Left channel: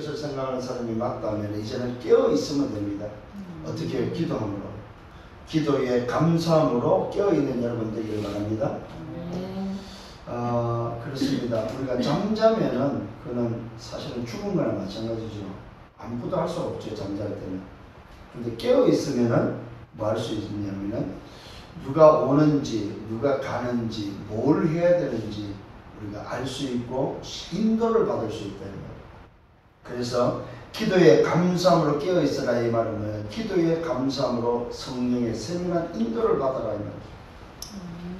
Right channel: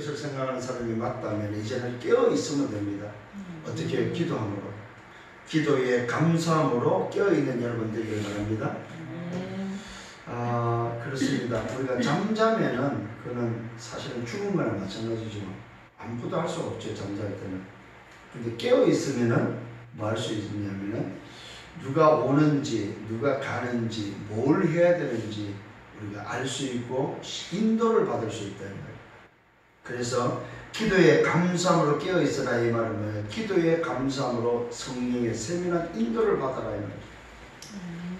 것을 생각하는 사람이 맞다면 이제는 깨어 있으면 됩니다. 어떻게? 기도함으로. 기도에 감사함으로 깨어있는 여러분 되기를 바랍니다. 그렇습니다. 우리가 잠자면은 그는 사실은 죽은 거나 마찬가지죠. 아무것도 할 수 없죠, 잠잘 때는. 근데 깨어있으면은 뭐 할 수 있냐면은 누가 오는지, 누가 가는지, 뭘 해야 되는지 우리가 알 수 있고 인도를 받을 수 있다는 거예요. 그래서 기도에 감사함으로 깨어있으라 이 말은 뭐예요? 기도에 감사함으로 성령의 세밀한 인도를 받아라 이 말이에요.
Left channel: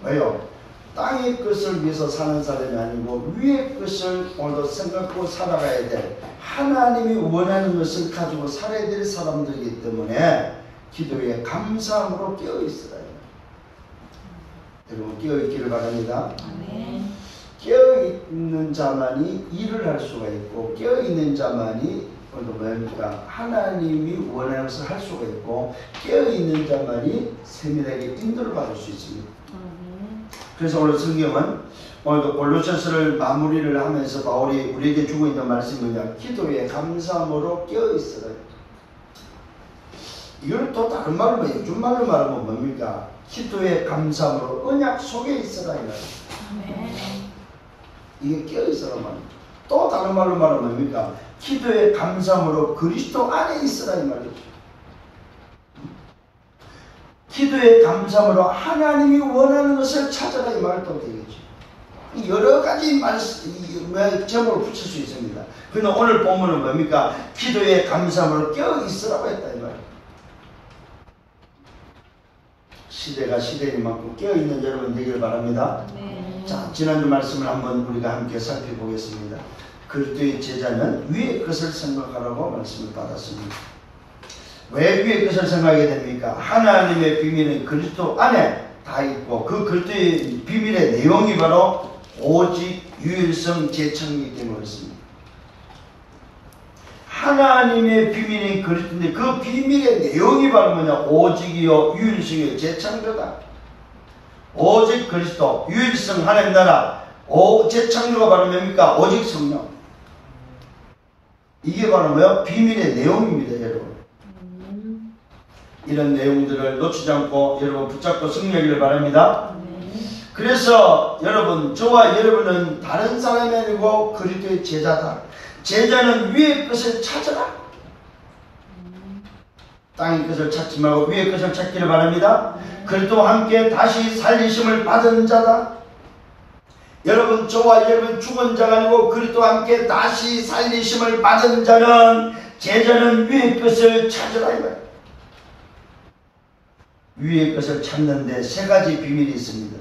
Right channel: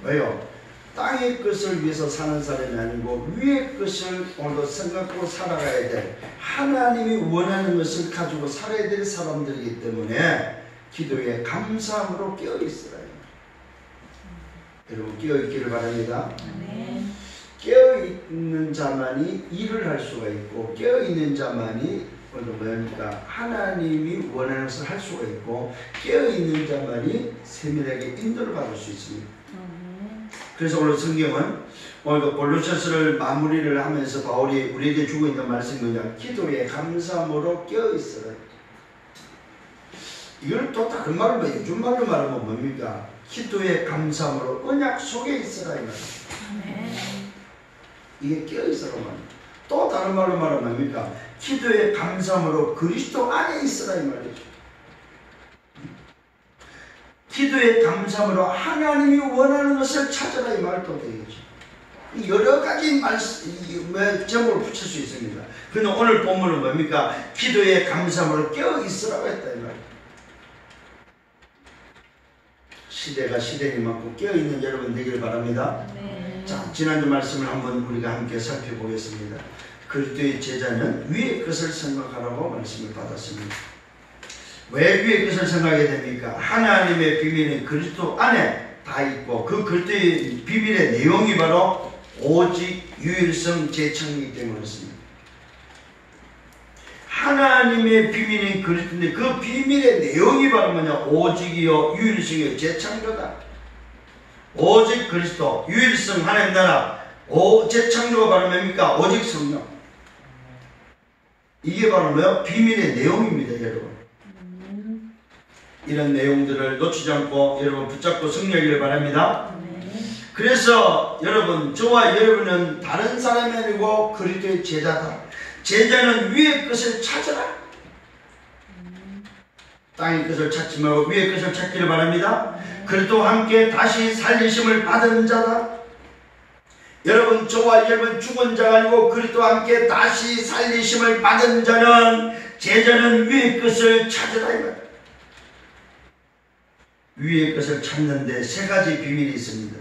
왜요? 땅의 것을 위해서 사는 사람이 아니고 위의 것을 오늘도 생각하고 살아가야 될 하나님이 원하는 것을 가지고 살아야 될 사람들이기 때문에 기도에 감사함으로 깨어있으라. 여러분 깨어있기를 바랍니다. 아멘. 깨어있는 자만이 일을 할 수가 있고 깨어있는 자만이 뭡니까? 하나님이 원하는 것을 할 수가 있고 깨어있는 자만이 세밀하게 인도를 받을 수 있습니다. 그래서 오늘 성경은 오늘 골로새서를 마무리를 하면서 바울이 우리에게 주고 있는 말씀입니다. 기도에 감사함으로 깨어있으라. 이걸 또 다른 말로 요즘 말로 말하면 뭡니까? 기도에 감사함으로 언약 속에 있으라 이 말이에요. 이게 깨어있으라 말입니다. 또 다른 말로 말하면 뭡니까? 기도에 감사함으로 그리스도 안에 있으라 이 말이죠. 기도에 감사함으로 하나님이 원하는 것을 찾아라 이 말도 되겠죠. 여러 가지 제목을 붙일 수 있습니다. 그런데 오늘 본문은 뭡니까? 기도에 감사함으로 깨어있으라고 했다 이 말이에요. 시대가 시대인 만큼 깨어있는 여러분 되기를 바랍니다. 네. 자, 지난주 말씀을 한번 우리가 함께 살펴보겠습니다. 그리스도의 제자는 위의 것을 생각하라고 말씀을 받았습니다. 왜 위의 것을 생각하게 됩니까? 하나님의 비밀은 그리스도 안에 다 있고 그 그리스도의 비밀의 내용이 바로 오직 유일성 재창이기 때문에 그렇습니다. 하나님의 비밀이 그리스도인데 그 비밀의 내용이 바로 뭐냐? 오직이요 유일성의 재창조다. 오직 그리스도, 유일성 하나님 나라, 재창조가 바로 뭡니까? 오직 성령. 이게 바로 뭐야? 비밀의 내용입니다, 여러분. 이런 내용들을 놓치지 않고 여러분 붙잡고 승리하기를 바랍니다. 그래서 여러분, 저와 여러분은 다른 사람이 아니고 그리스도의 제자다. 제자는 위의 것을 찾아라. 땅의 것을 찾지 말고 위의 것을 찾기를 바랍니다. 그리스도와 함께 다시 살리심을 받은 자다. 여러분, 저와 여러분 죽은 자가 아니고 그리스도와 함께 다시 살리심을 받은 자는 제자는 위의 것을 찾으라 이 말이에요. 위의 것을 찾는데 세 가지 비밀이 있습니다.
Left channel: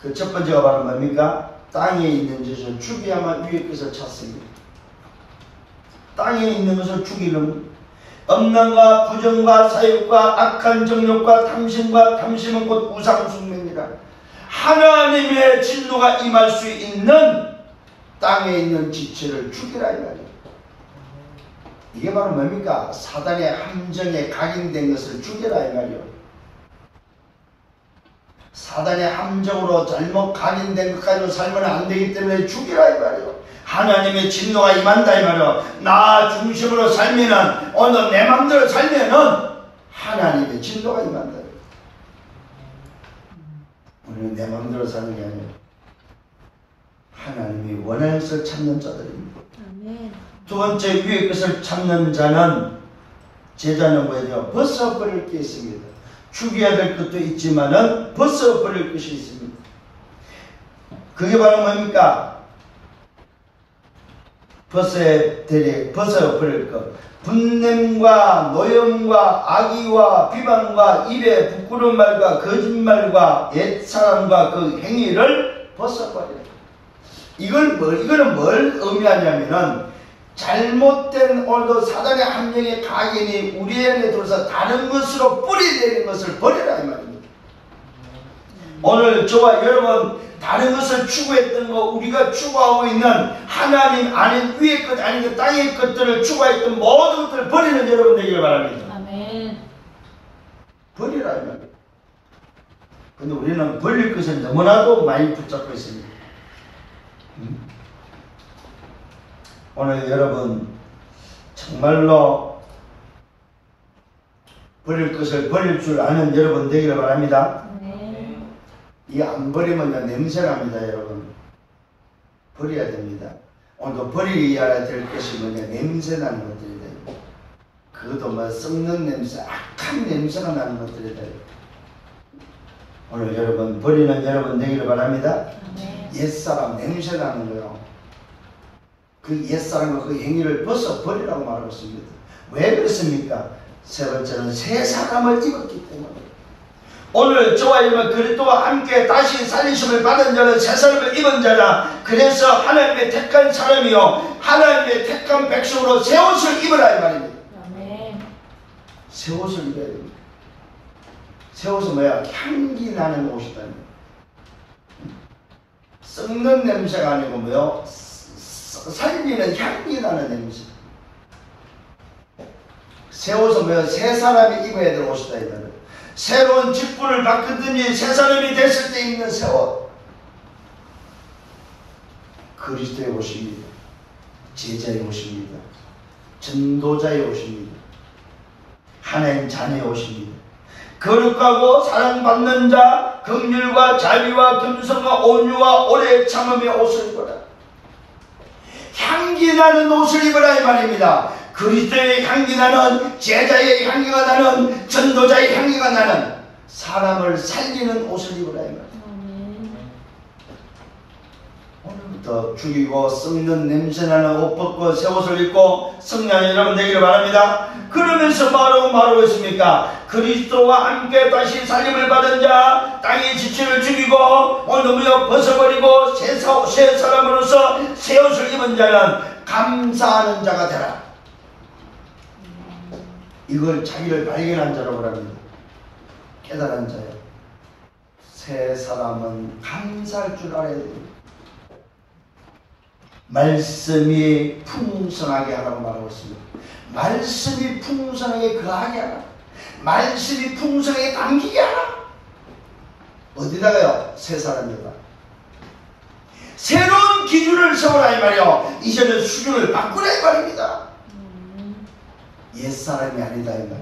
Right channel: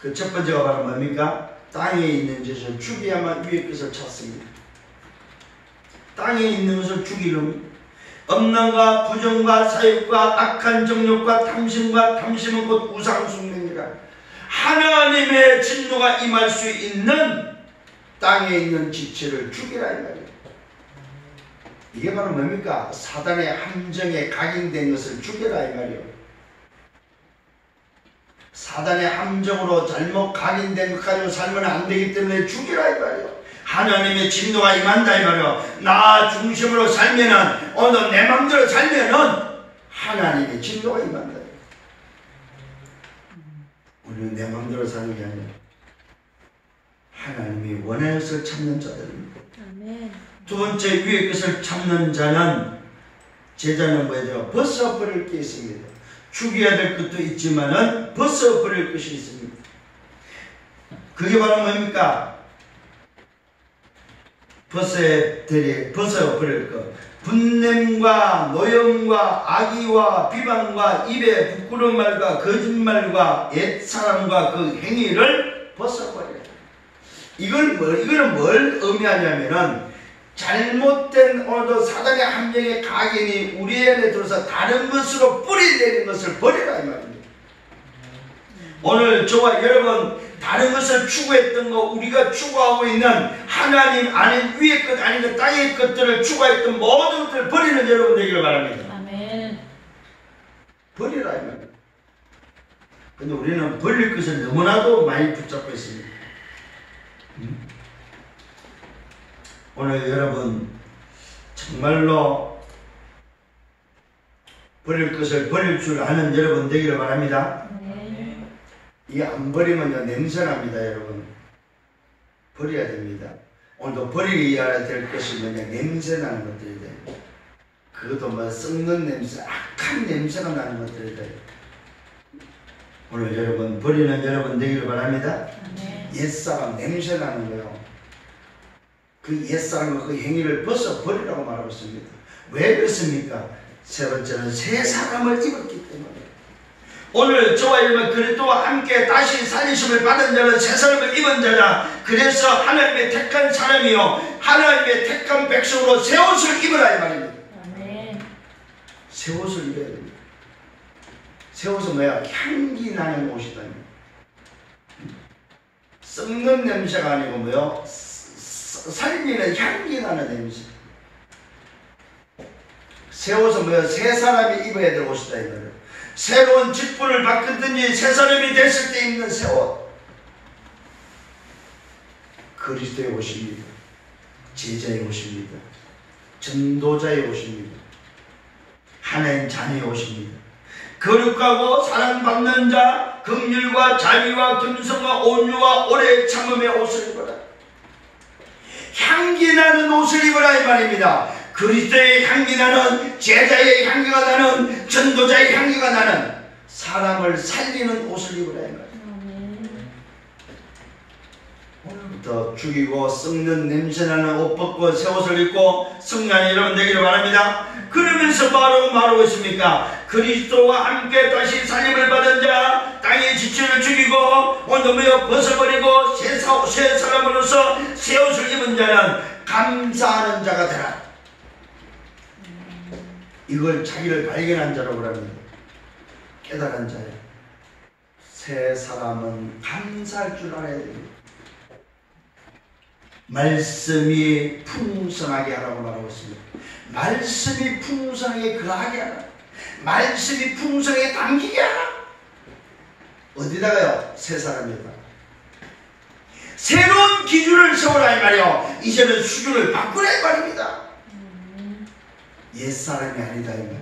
그 첫 번째가 바로 뭡니까? 땅에 있는 것을 죽여야만 위의 것을 찾습니다. 땅에 있는 것을 죽이려면 엄난과 부정과 사욕과 악한 정욕과 탐심은 곧 우상숭배니라. 하나님의 진노가 임할 수 있는 땅에 있는 지체를 죽이라 이 말이에요. 이게 바로 뭡니까? 사단의 함정에 각인된 것을 죽이라 이 말이에요. 사단의 함정으로 잘못 각인된 것 가지고 살면 안 되기 때문에 죽이라 이 말이에요. 하나님의 진노가 임한다 이 말이에요. 나 중심으로 살면은 오늘 내 마음대로 살면은 하나님의 진노가 임한다. 우리는 내 마음대로 사는 게 아니에요. 하나님이 원하는 것을 찾는 자들입니다. 아멘. 두 번째, 위의 것을 찾는 자는 제자는 뭐죠? 벗어버릴 게 있습니다. 죽여야 될 것도 있지만은 벗어버릴 것이 있습니다. 그게 바로 뭡니까? 벗어버릴 것. 분냄과 노염과 악의와 비방과 입에 부끄러운 말과 거짓말과 옛사람과 그 행위를 벗어버려요. 이거는 뭘 의미하냐면은 잘못된 오늘도 사단의 함정의 각인이 우리 안에 들어서 다른 것으로 뿌리내리는 것을 버리라 이 말입니다. 오늘 저와 여러분 다른 것을 추구했던 거, 우리가 추구하고 있는 하나님 아닌 위의 것 아닌 땅의 것들을 추구했던 모든 것들을 버리는 여러분 되기를 바랍니다. 아멘. 버리라 이 말입니다. 근데 우리는 버릴 것을 너무나도 많이 붙잡고 있습니다. 오늘 여러분 정말로 버릴 것을 버릴 줄 아는 여러분 되기를 바랍니다. 이 안 버리면 냄새납니다. 여러분 버려야 됩니다. 오늘도 버려야 될 것이 뭐냐, 냄새나는 것들이 돼요. 그것도 뭐 썩는 냄새, 악한 냄새가 나는 것들이 돼요. 오늘 여러분 버리는 여러분 되기를 바랍니다. 옛사람 냄새나는 거요, 그 옛사람과 그 행위를 벗어 버리라고 말하고 있습니다. 왜 그렇습니까? 세 번째는 새 사람을 입었기 때문에. 오늘 저와 여러분 그리스도와 함께 다시 살리심을 받은 자는 새 사람을 입은 자라. 그래서 하나님의 택한 사람이요 하나님의 택한 백성으로 새 옷을 입으라 이 말입니다. 아멘. 새 옷을 입어야 됩니다. 새 옷은 뭐야? 향기 나는 옷이다. 썩는 냄새가 아니고 뭐요? 살리는 향기 나는 냄새. 새 옷은 뭐요? 새 사람이 입어야 될 옷이다 이 말이에요. 새로운 직분을 바꾸든지 새 사람이 됐을 때 입는 새 옷. 그리스도의 옷입니다. 제자의 옷입니다. 전도자의 옷입니다. 하나님 자녀의 옷입니다. 거룩하고 사랑받는 자, 긍휼과 자비와 겸손과 온유와 오래 참음의 옷을 입어라. 향기 나는 옷을 입어라 이 말입니다. 그리스도의 향기 나는, 제자의 향기가 나는, 전도자의 향기가 나는, 사람을 살리는 옷을 입으라 이 말이에요. 오늘부터 죽이고 썩는 냄새나는 옷 벗고 새 옷을 입고 성령이 여러분 되기를 바랍니다. 그러면서 말하고 있습니까? 그리스도와 함께 다시 살림을 받은 자, 땅의 지체를 죽이고 오늘 벗어버리고 새 사람으로서 새 옷을 입은 자는 감사하는 자가 되라. 이걸 자기를 발견한 자라고 합니다. 깨달은 자예요. 새 사람은 감사할 줄 알아야 됩니다. 말씀이 풍성하게 하라고 말하고 있습니다. 말씀이 풍성하게 거하게 하라. 말씀이 풍성하게 담기게 하라. 어디다가요? 새 사람이다. 새로운 기준을 세우라 이 말이요. 이제는 수준을 바꾸라 이 말입니다. 옛사람이 아니다 이 말.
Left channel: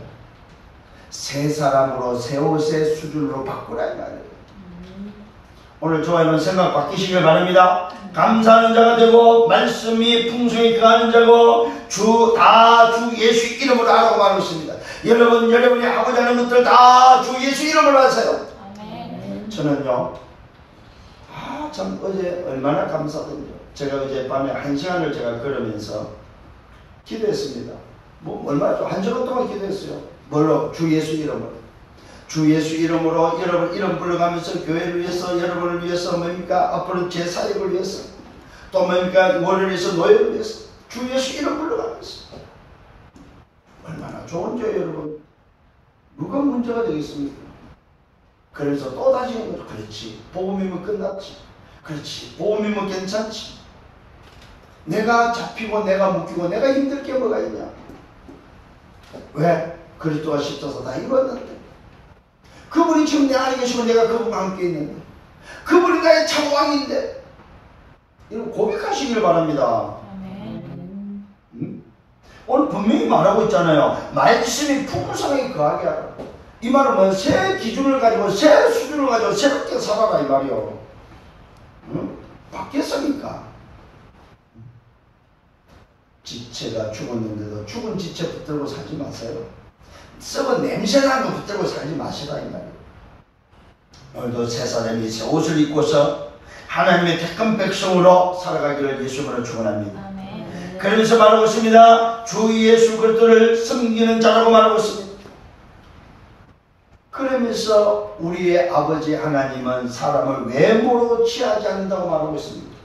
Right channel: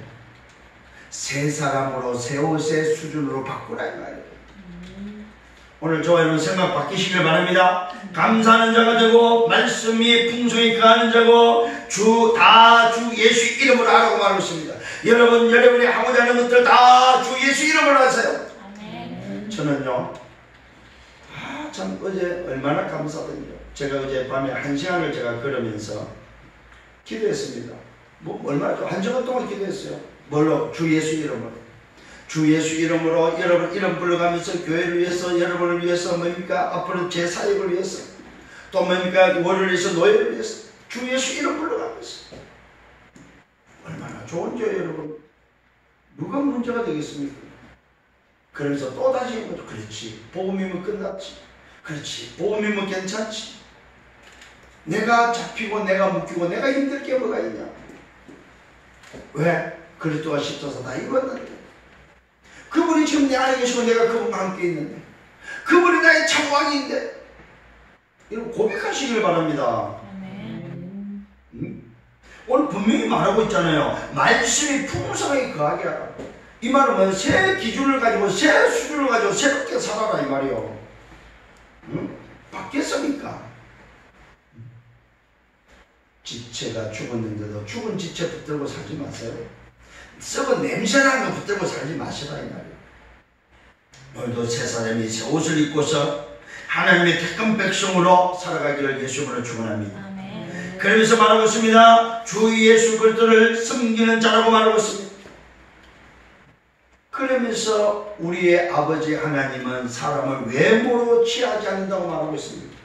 새 사람으로 새 옷의 수준으로 바꾸라 이 말이에요. 오늘 저와 여러분 생각 바뀌시길 바랍니다. 감사하는 자가 되고 말씀이 풍성히 거하는 자고 주 예수 이름으로 하라고 말하고 있습니다. 여러분이 하고자 하는 것들 다 주 예수 이름으로 하세요. 아멘. 저는요 참 어제 얼마나 감사하던지요. 제가 어제 밤에 1시간을 제가 걸으면서 기도했습니다. 얼마나 좀 1시간 동안 기도했어요. 뭘로? 주 예수 이름으로. 주 예수 이름으로 여러분 이름 불러가면서 교회를 위해서, 여러분을 위해서, 뭡니까? 앞으로 제 사역을 위해서, 또 뭡니까? 월을 위해서, 노예를 위해서 주 예수 이름 불러가면서. 얼마나 좋은지 여러분. 누가 문제가 되겠습니까? 그러면서 또다시 그렇지, 복음이면 끝났지, 그렇지, 복음이면 괜찮지, 내가 잡히고 내가 묶이고 내가 힘들 게 뭐가 있냐. 왜? 그리스도가 십자서 다 이뤘는데, 그분이 지금 내 안에 계시고 내가 그분과 함께 있는데, 그분이 나의 창왕인데, 이거 고백하시기를 바랍니다. 아멘. 오늘 분명히 말하고 있잖아요. 말씀이 풍성하게 거하게 하라. 이 말은 뭐예요? 새 기준을 가지고 새 수준을 가지고 새롭게 살아라 이 말이요. 바뀌었습니까? 지체가 죽었는데도 죽은 지체 붙들고 살지 마세요. 썩은 냄새나는 거 붙들고 살지 마시라 이 말이에요. 오늘도 새 사람이 새 옷을 입고서 하나님의 택한 백성으로 살아가기를 예수님으로 축원합니다. 아멘. 그러면서 말하고 있습니다. 주 예수 그리스도를 섬기는 자라고 말하고 있습니다. 그러면서 우리의 아버지 하나님은 사람을 외모로 취하지 않는다고 말하고 있습니다.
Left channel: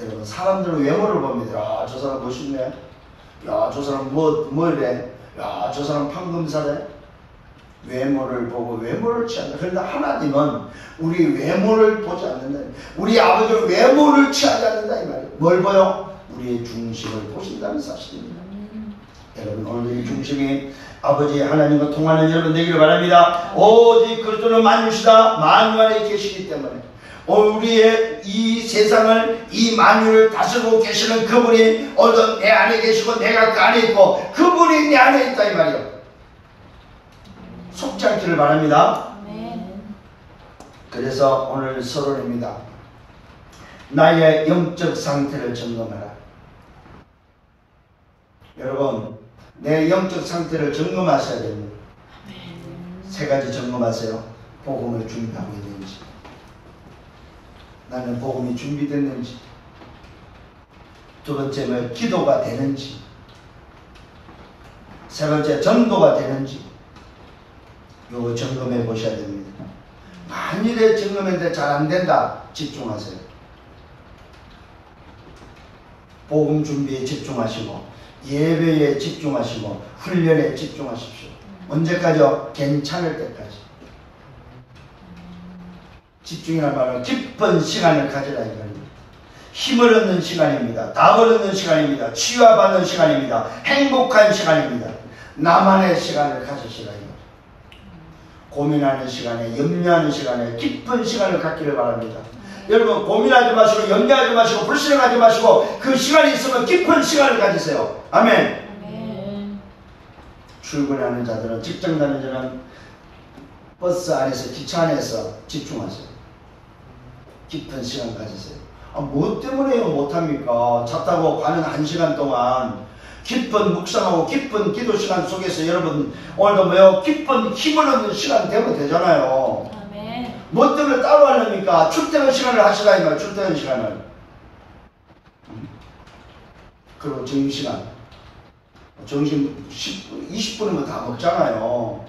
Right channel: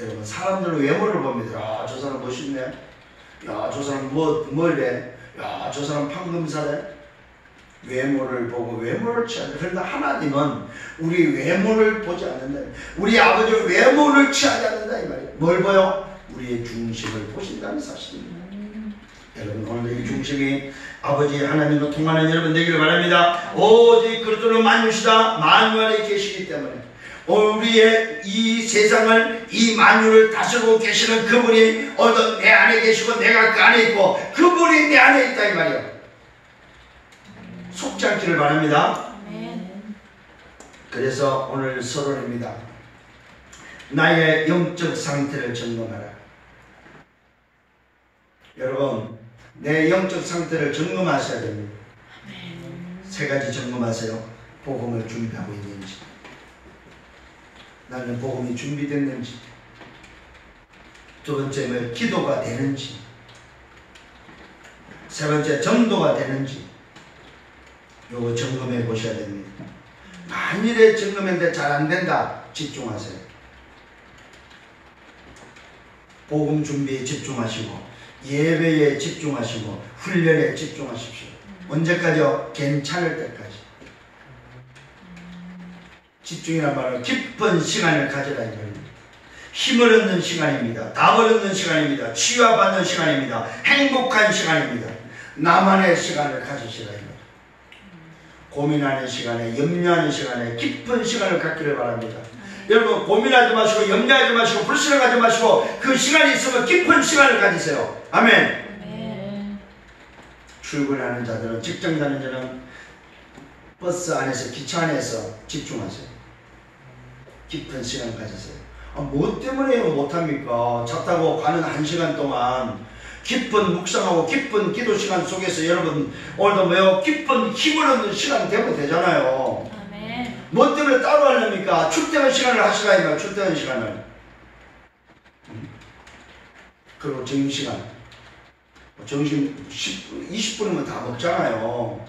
여러분, 사람들은 외모를 봅니다. 야, 저 사람 멋있네. 야, 저 사람 뭐래. 야, 저 사람 판금사래. 외모를 보고 외모를 취한다. 그런데 하나님은 우리 외모를 보지 않는다. 우리 아버지는 외모를 취하지 않는다 이 말이에요. 뭘 보여? 우리의 중심을 보신다는 사실입니다. 여러분, 오늘도 이 중심이 아버지 하나님과 통하는 여러분 되기를 바랍니다. 오직 그리스도는 만유시다. 만유 안에 계시기 때문에 우리의 이 세상을, 이 만유를 다스리고 계시는 그분이 오늘도 내 안에 계시고 내가 그 안에 있고 그분이 내 안에 있다 이 말이에요. 속지 않기를 바랍니다. 그래서 오늘 서론입니다. 나의 영적 상태를 점검하라. 여러분, 내 영적 상태를 점검하셔야 됩니다. 세 가지 점검하세요. 복음을 준비하고 있는지, 나는 복음이 준비됐는지, 두 번째는 기도가 되는지, 세 번째 전도가 되는지, 요거 점검해 보셔야 됩니다. 만일에 점검했는데 잘 안 된다, 집중하세요. 복음 준비에 집중하시고 예배에 집중하시고 훈련에 집중하십시오. 언제까지요? 괜찮을 때까지. 집중이란 말은 깊은 시간을 가지라 이 말입니다. 힘을 얻는 시간입니다. 답을 얻는 시간입니다. 치유받는 시간입니다. 행복한 시간입니다. 나만의 시간을 가지시라 이 말입니다. 고민하는 시간에, 염려하는 시간에 깊은 시간을 갖기를 바랍니다. 여러분, 고민하지 마시고 염려하지 마시고 불신하지 마시고 그 시간이 있으면 깊은 시간을 가지세요. 아멘. 출근하는 자들은, 직장 다니는 자는 버스 안에서, 기차 안에서 집중하세요. 깊은 시간을 가지세요. 뭐 때문에 못합니까? 차 타고 가는 1시간 동안 깊은 묵상하고 깊은 기도 시간 속에서 여러분 오늘도 뭐요? 깊은 힘을 얻는 시간 되면 되잖아요. 아멘. 뭐 때문에 따로 하렵니까? 출퇴근 시간을 하시라 이 말. 출퇴근 시간을. 그리고 점심시간. 점심 20분이면 다 먹잖아요.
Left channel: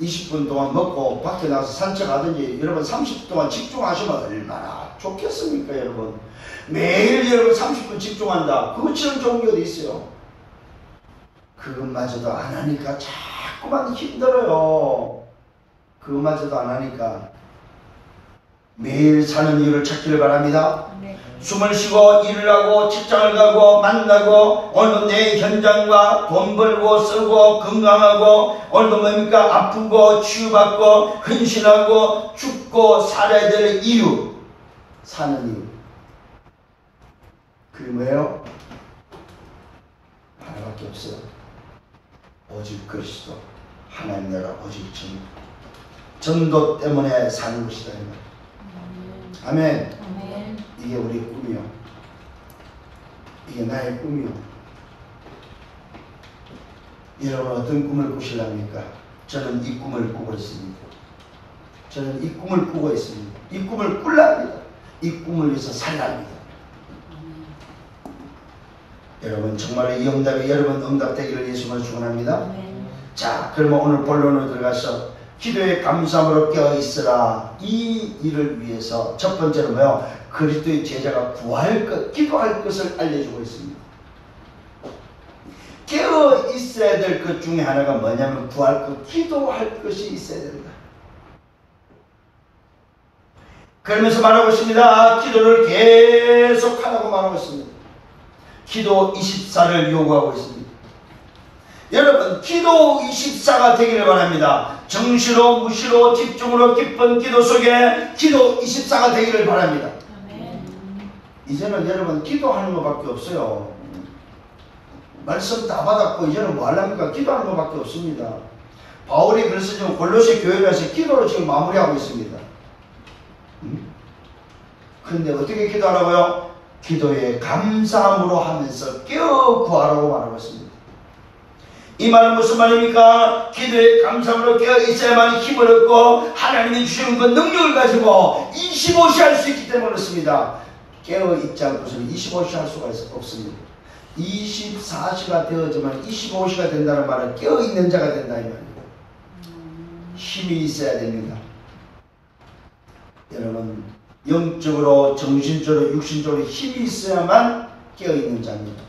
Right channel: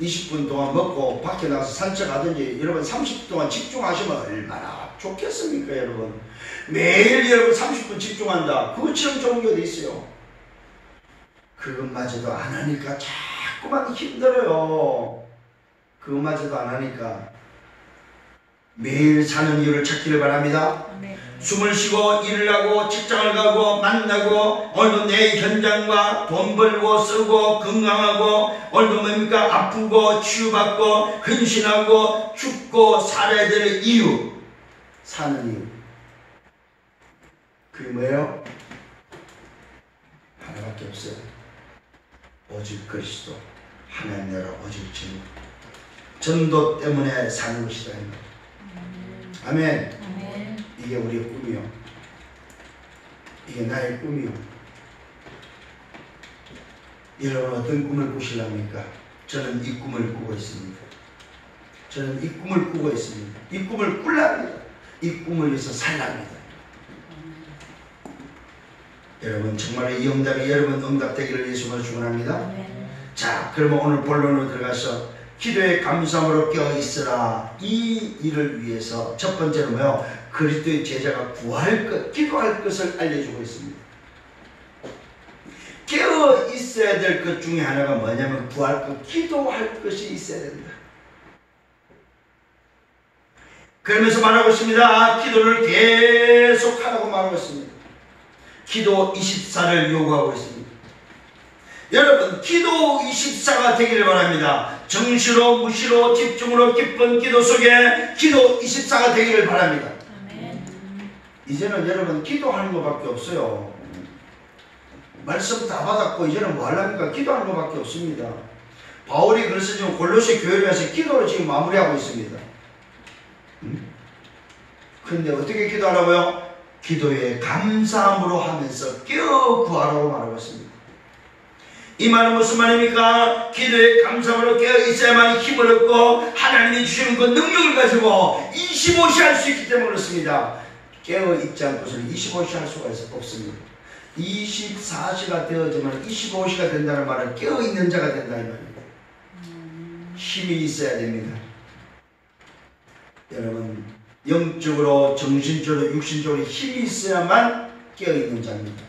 20분 동안 먹고 밖에 나가서 산책하든지 여러분 30분 동안 집중하시면 얼마나 좋겠습니까 여러분. 매일 여러분 30분 집중한다. 그것처럼 좋은 게 어디 있어요. 그것마저도 안 하니까 자꾸만 힘들어요. 그것마저도 안 하니까 매일 사는 이유를 찾기를 바랍니다. 네. 숨을 쉬고 일을 하고 직장을 가고 만나고 오늘도 내 현장과 돈 벌고 쓰고 건강하고 오늘도 뭡니까? 아프고 치유받고 헌신하고 죽고 살아야 될 이유, 사는 이유, 그게 뭐예요? 하나밖에 없어요. 오직 그리스도, 하나님 나라, 오직 전도 때문에 사는 것이다. 아멘. 아멘. 이게 우리의 꿈이요. 이게 나의 꿈이요. 여러분 어떤 꿈을 꾸실랍니까? 저는 이 꿈을 꾸고 있습니다. 저는 이 꿈을 꾸고 있습니다. 이 꿈을 꿀랍니다. 이 꿈을 위해서 살랍니다. 여러분 정말로 이 응답이 여러분 응답되기를 예수님으로 축원합니다. 자, 그러면 오늘 본론으로 들어가서 기도의 감사함으로 깨어있으라. 이 일을 위해서 첫 번째로 뭐요? 그리스도의 제자가 구할 것, 기도할 것을 알려주고 있습니다. 깨어있어야 될 것 중에 하나가 뭐냐면 구할 것, 기도할 것이 있어야 된다. 그러면서 말하고 있습니다. 기도를 계속 하라고 말하고 있습니다. 기도 24를 요구하고 있습니다. 여러분 기도 24가 되기를 바랍니다. 정시로 무시로 집중으로 깊은 기도 속에 기도 24가 되기를 바랍니다. 아멘. 이제는 여러분 기도하는 것밖에 없어요. 말씀 다 받았고 이제는 뭐 하려니까 기도하는 것밖에 없습니다. 바울이 그래서 지금 골로새 교회에 와서 기도를 지금 마무리하고 있습니다. 그런데 어떻게 기도하라고요? 기도에 감사함으로 하면서 깨어 구하라고 말하고 있습니다. 이 말은 무슨 말입니까? 기도에 감사함으로 깨어 있어야만 힘을 얻고 하나님이 주시는 그 능력을 가지고 25시 할 수 있기 때문에 그렇습니다. 깨어 있지 않고서는 25시 할 수가 없습니다. 24시가 되어지면 25시가 된다는 말은 깨어 있는 자가 된다 이 말입니다. 힘이 있어야 됩니다. 여러분 영적으로 정신적으로 육신적으로 힘이 있어야만 깨어 있는 자입니다.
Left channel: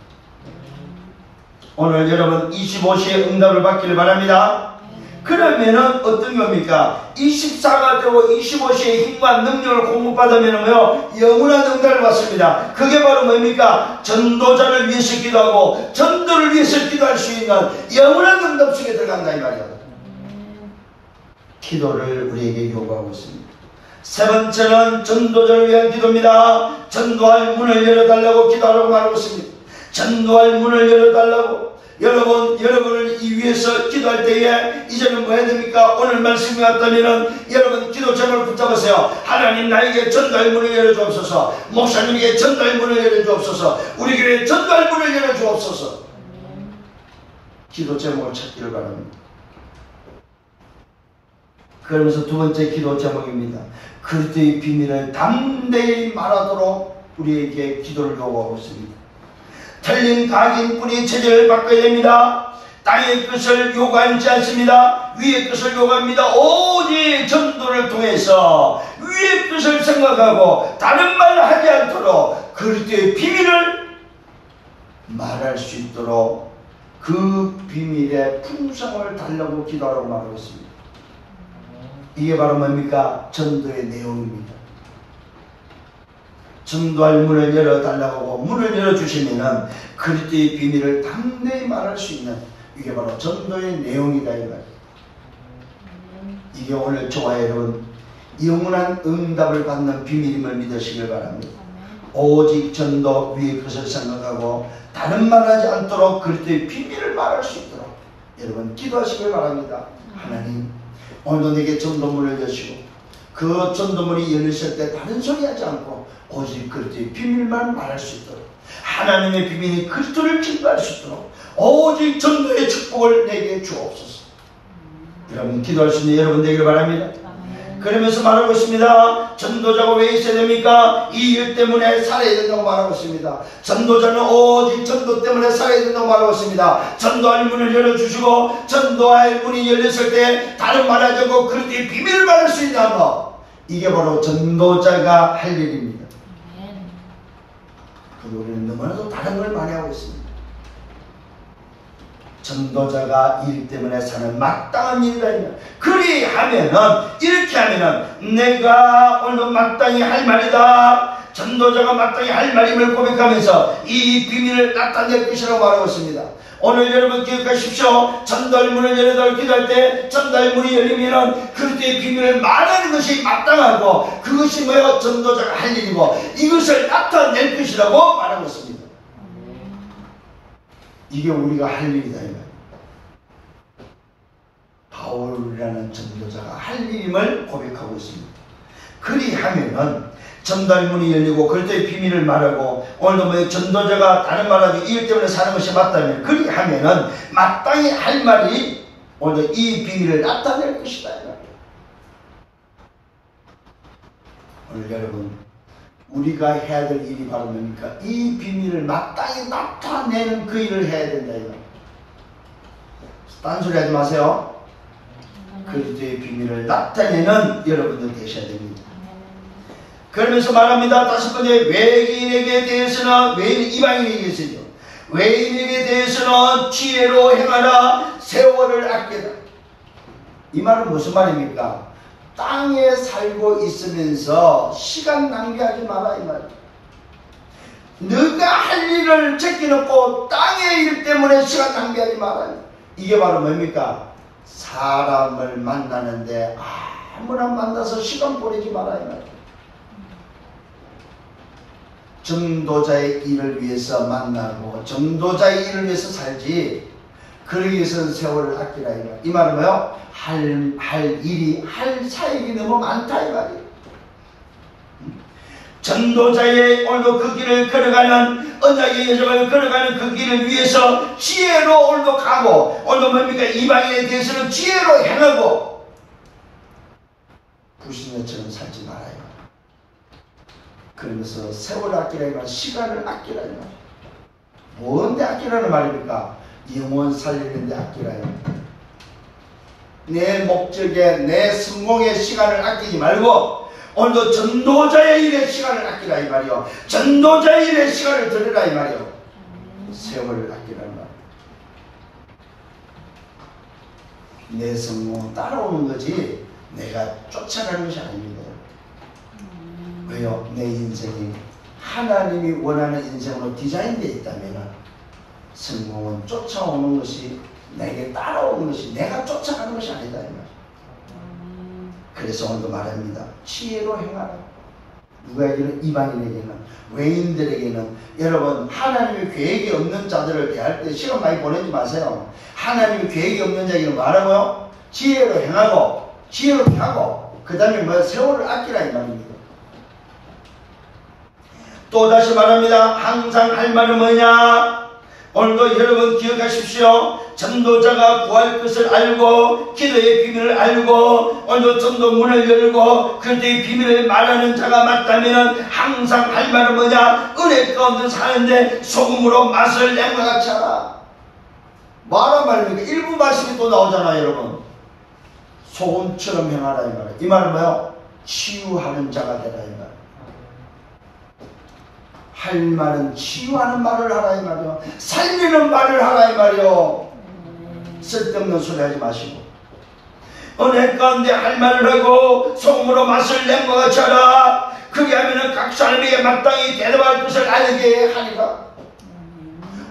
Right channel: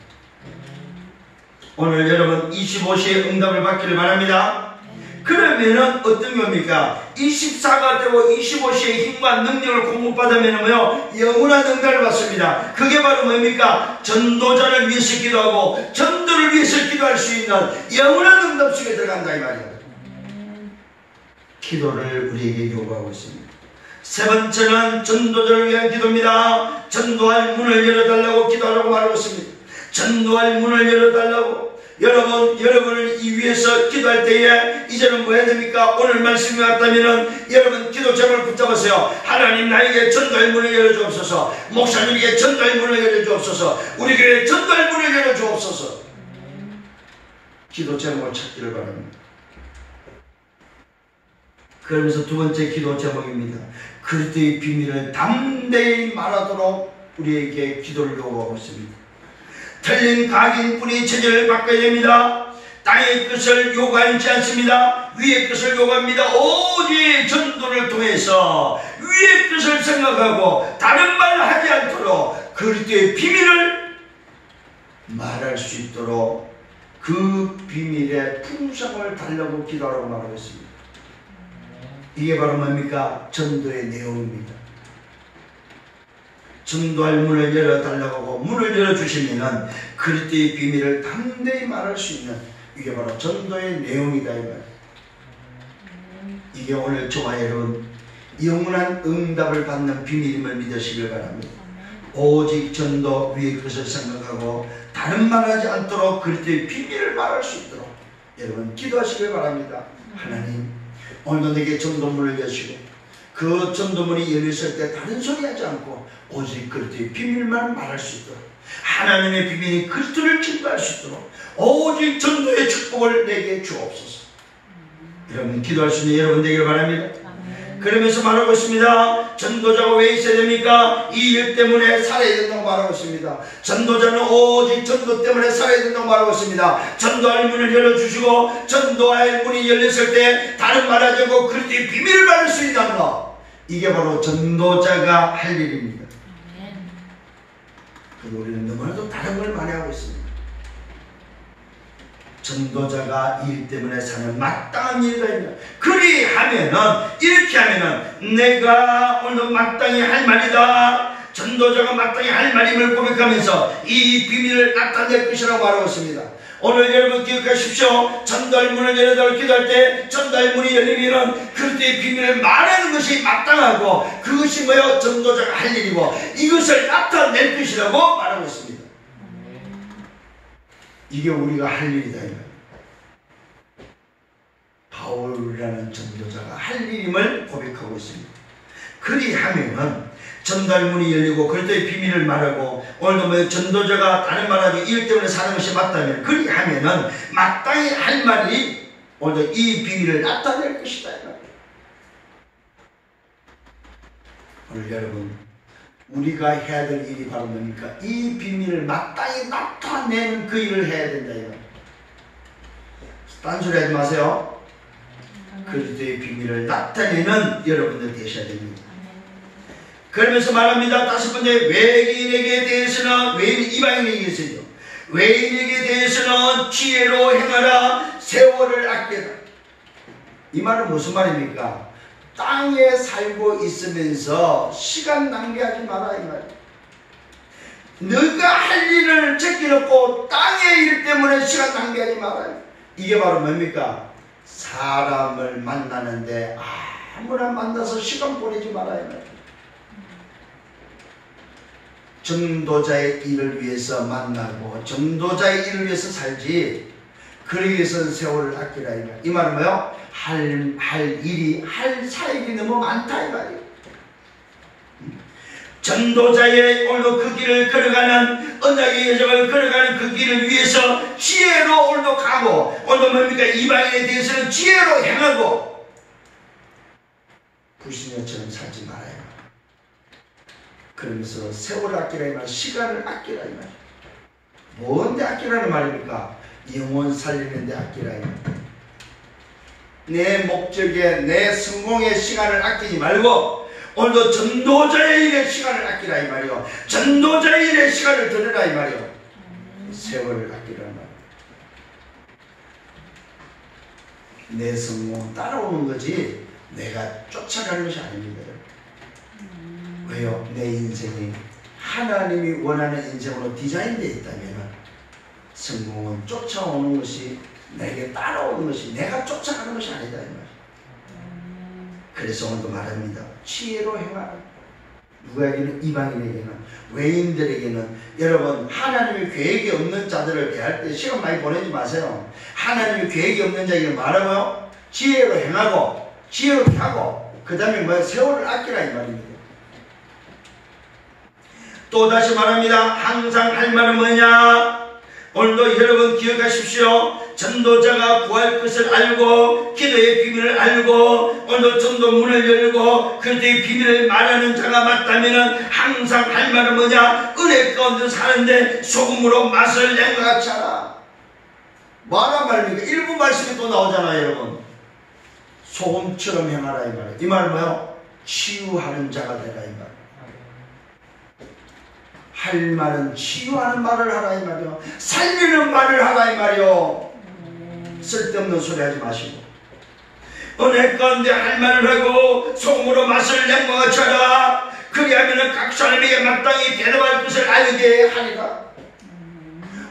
오늘 여러분 25시에 응답을 받기를 바랍니다. 그러면은 어떤 겁니까? 24가 되고 25시에 힘과 능력을 공급받으면은요 영원한 응답을 받습니다. 그게 바로 뭡니까? 전도자를 위해서 기도하고 전도를 위해서 기도할 수 있는 영원한 응답 속에 들어간다 이 말이에요. 기도를 우리에게 요구하고 있습니다. 세 번째는 전도자를 위한 기도입니다. 전도할 문을 열어달라고 기도하라고 말하고 있습니다. 전도할 문을 열어달라고. 여러분을 이 위해서 기도할 때에 이제는 뭐 해야 됩니까? 오늘 말씀이 왔다면은 여러분 기도 제목을 붙잡으세요. 하나님 나에게 전도할 문을 열어주옵소서. 목사님에게 전도할 문을 열어주옵소서. 우리 교회에 전도할 문을 열어주옵소서. 기도 제목을 찾기를 바랍니다. 그러면서 두 번째 기도 제목입니다. 그리스도의 비밀을 담대히 말하도록 우리에게 기도를 요구하고 있습니다. 틀린 각인뿐이 체제를 바꿔야 됩니다. 땅의 것을 요구하지 않습니다. 위의 것을 요구합니다. 오직 전도를 통해서 위의 것을 생각하고 다른 말을 하지 않도록 그리스도의 비밀을 말할 수 있도록 그 비밀의 풍성을 달라고 기도하라고 말하고 있습니다. 이게 바로 뭡니까? 전도의 내용입니다. 전도할 문을 열어달라고 하고 문을 열어주시면은 그리스도의 비밀을 담대히 말할 수 있는, 이게 바로 전도의 내용이다 이 말이에요. 이게 오늘 저와 여러분 영원한 응답을 받는 비밀임을 믿으시길 바랍니다. 오직 전도 위의 것을 생각하고 다른 말하지 않도록 그리스도의 비밀을 말할 수 있도록 여러분 기도하시길 바랍니다. 하나님 오늘도 내게 전도문을 여시고 그 전도문이 열렸을 때 다른 소리 하지 않고 오직 그리스도의 비밀만 말할 수 있도록, 하나님의 비밀이 그리스도를 증거할 수 있도록 오직 전도의 축복을 내게 주옵소서. 여러분 기도할 수 있는 여러분 되기를 바랍니다. 그러면서 말하고 있습니다. 전도자가 왜 있어야 됩니까? 이 일 때문에 살아야 된다고 말하고 있습니다. 전도자는 오직 전도 때문에 살아야 된다고 말하고 있습니다. 전도할 문을 열어주시고 전도할 문이 열렸을 때 다른 말하지 않고 그리스도의 비밀을 말할 수 있는 것, 이게 바로 전도자가 할 일입니다. 우리는 너무나도 다른 걸 많이 하고 있습니다. 전도자가 일 때문에 사는 마땅한 일이다. 그리하면은 이렇게 하면은 내가 오늘 마땅히 할 말이다. 전도자가 마땅히 할 말임을 고백하면서 이 비밀을 나타낼 것이라고 말하고 있습니다. 오늘 여러분 기억하십시오. 전도할 문을 열어달라고 기도할 때 전도할 문이 열리면은 그리스도의 비밀을 말하는 것이 마땅하고 그것이 뭐요? 전도자가 할 일이고 이것을 나타낼 것이라고 말하고 있습니다. 이게 우리가 할 일이다. 바울이라는 전도자가 할 일임을 고백하고 있습니다. 그리하면은 전도할 문이 열리고 그리스도의 비밀을 말하고 오늘도 뭐 전도자가 다른 말하기 일 때문에 사는 것이 맞다면 그리하면은 마땅히 할 말이 오늘도 이 비밀을 나타낼 것이다. 오늘 여러분 우리가 해야 될 일이 바로 뭡니까? 이 비밀을 마땅히 나타내는 그 일을 해야 된다 이거. 딴소리 하지 마세요. 그리스도의 비밀을 나타내는 여러분들 되셔야 됩니다. 그러면서 말합니다. 다섯 번째, 외인에게 대해서는 외인 이방인에게 대해서죠. 외인에게 대해서는 지혜로 행하라. 세월을 아껴라. 이 말은 무슨 말입니까? 땅에 살고 있으면서 시간 낭비하지 마라 이 말이에요. 너가 할 일을 제껴놓고 땅의 일 때문에 시간 낭비하지 마라. 이게 바로 뭡니까? 사람을 만나는데 아무나 만나서 시간 보내지 마라 이 말이에요. 전도자의 일을 위해서 만나고 전도자의 일을 위해서 살지 그러기 위해서는 세월을 아끼라 이 말은 뭐요? 할 일이 할 사역이 너무 많다 이 말이에요. 전도자의 오늘도 그 길을 걸어가는 언약의 여정을 걸어가는 그 길을 위해서 지혜로 오늘도 가고 오늘도 뭡니까? 이방인에 대해서는 지혜로 행하고 불신녀처럼 살지 말아요. 그러면서 세월을 아끼라 이 말, 시간을 아끼라 이 말. 뭔데 아끼라는 말입니까? 영혼 살리는데 아끼라 이 말. 내 목적에 내 성공의 시간을 아끼지 말고 오늘도 전도자의 일에 시간을 아끼라 이 말이요. 전도자의 일에 시간을 들으라 이 말이요. 세월을 아끼라는 말. 내 성공 따라오는 거지 내가 쫓아가는 것이 아닙니다. 왜요? 내 인생이 하나님이 원하는 인생으로 디자인되어 있다면 성공은 쫓아오는 것이 내게 따라오는 것이 내가 쫓아가는 것이 아니다 이 말이에요. 그래서 오늘도 말합니다. 지혜로 행하라. 누구에게는? 이방인에게는, 외인들에게는. 여러분, 하나님의 계획이 없는 자들을 대할 때 시간 많이 보내지 마세요. 하나님의 계획이 없는 자에게는 말하고요, 지혜로 행하고 지혜로 하고, 그 다음에 뭐 세월을 아끼라 이 말입니다. 또 다시 말합니다. 항상 할 말은 뭐냐? 오늘도 여러분 기억하십시오. 전도자가 구할 것을 알고 기도의 비밀을 알고 오늘도 전도 문을 열고 그때의 비밀을 말하는 자가 맞다면 항상 할 말은 뭐냐? 은혜 가운데 사는데 소금으로 맛을 낸 것 같이 하라. 뭐하란 말입니까? 일부 말씀이 또 나오잖아요. 여러분, 소금처럼 행하라 이 말이에요. 이 말은 뭐요? 치유하는 자가 되라 이 말. 할 말은 치유하는 말을 하라 이 말이요. 살리는 말을 하라 이 말이요. 쓸데없는 소리 하지 마시고 은혜 가운데 할 말을 하고 소금으로 맛을 낸 것 같이 하라. 그리하면 각 사람에게 마땅히 대답할 것을 알게 하리라.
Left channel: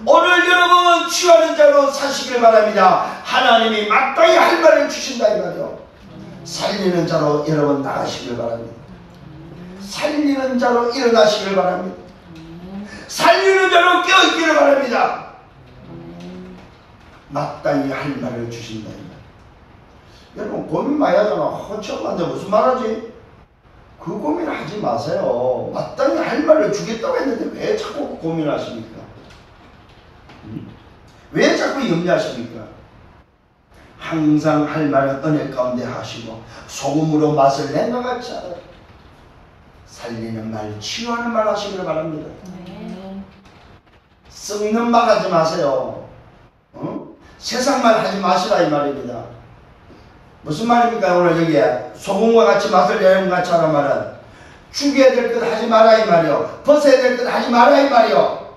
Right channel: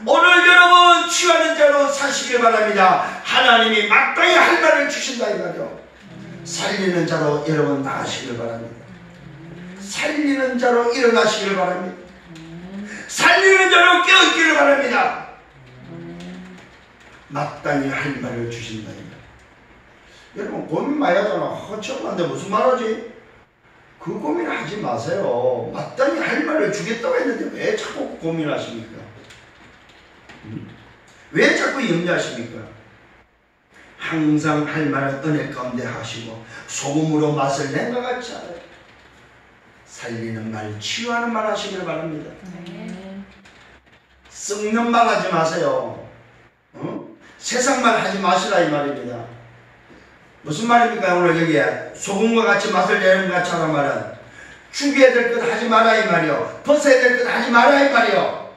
오늘 여러분 치유하는 자로 사시길 바랍니다. 하나님이 마땅히 할 말을 주신다 이 말이요. 살리는 자로 여러분 나가시길 바랍니다. 살리는 자로 일어나시길 바랍니다. 살리는 자로 깨어있기를 바랍니다. 마땅히 할 말을 주신다 이 말. 여러분 고민 많이 하잖아. 처음 만데 무슨 말하지? 그 고민하지 마세요. 마땅히 할 말을 주겠다고 했는데 왜 자꾸 고민하십니까? 왜 자꾸 염려하십니까? 항상 할 말은 은혜 가운데 하시고 소금으로 맛을 낸 것 같이 하라. 살리는 말, 치유하는 말 하시길 바랍니다. 썩는 말 하지 마세요. 세상 말 하지 마시라 이 말입니다. 무슨 말입니까? 오늘 여기에 소금과 같이 맛을 내는 것 같이 하란 말은 죽여야 될 것 하지 마라 이 말이요. 벗어야 될 것 하지 마라 이 말이요.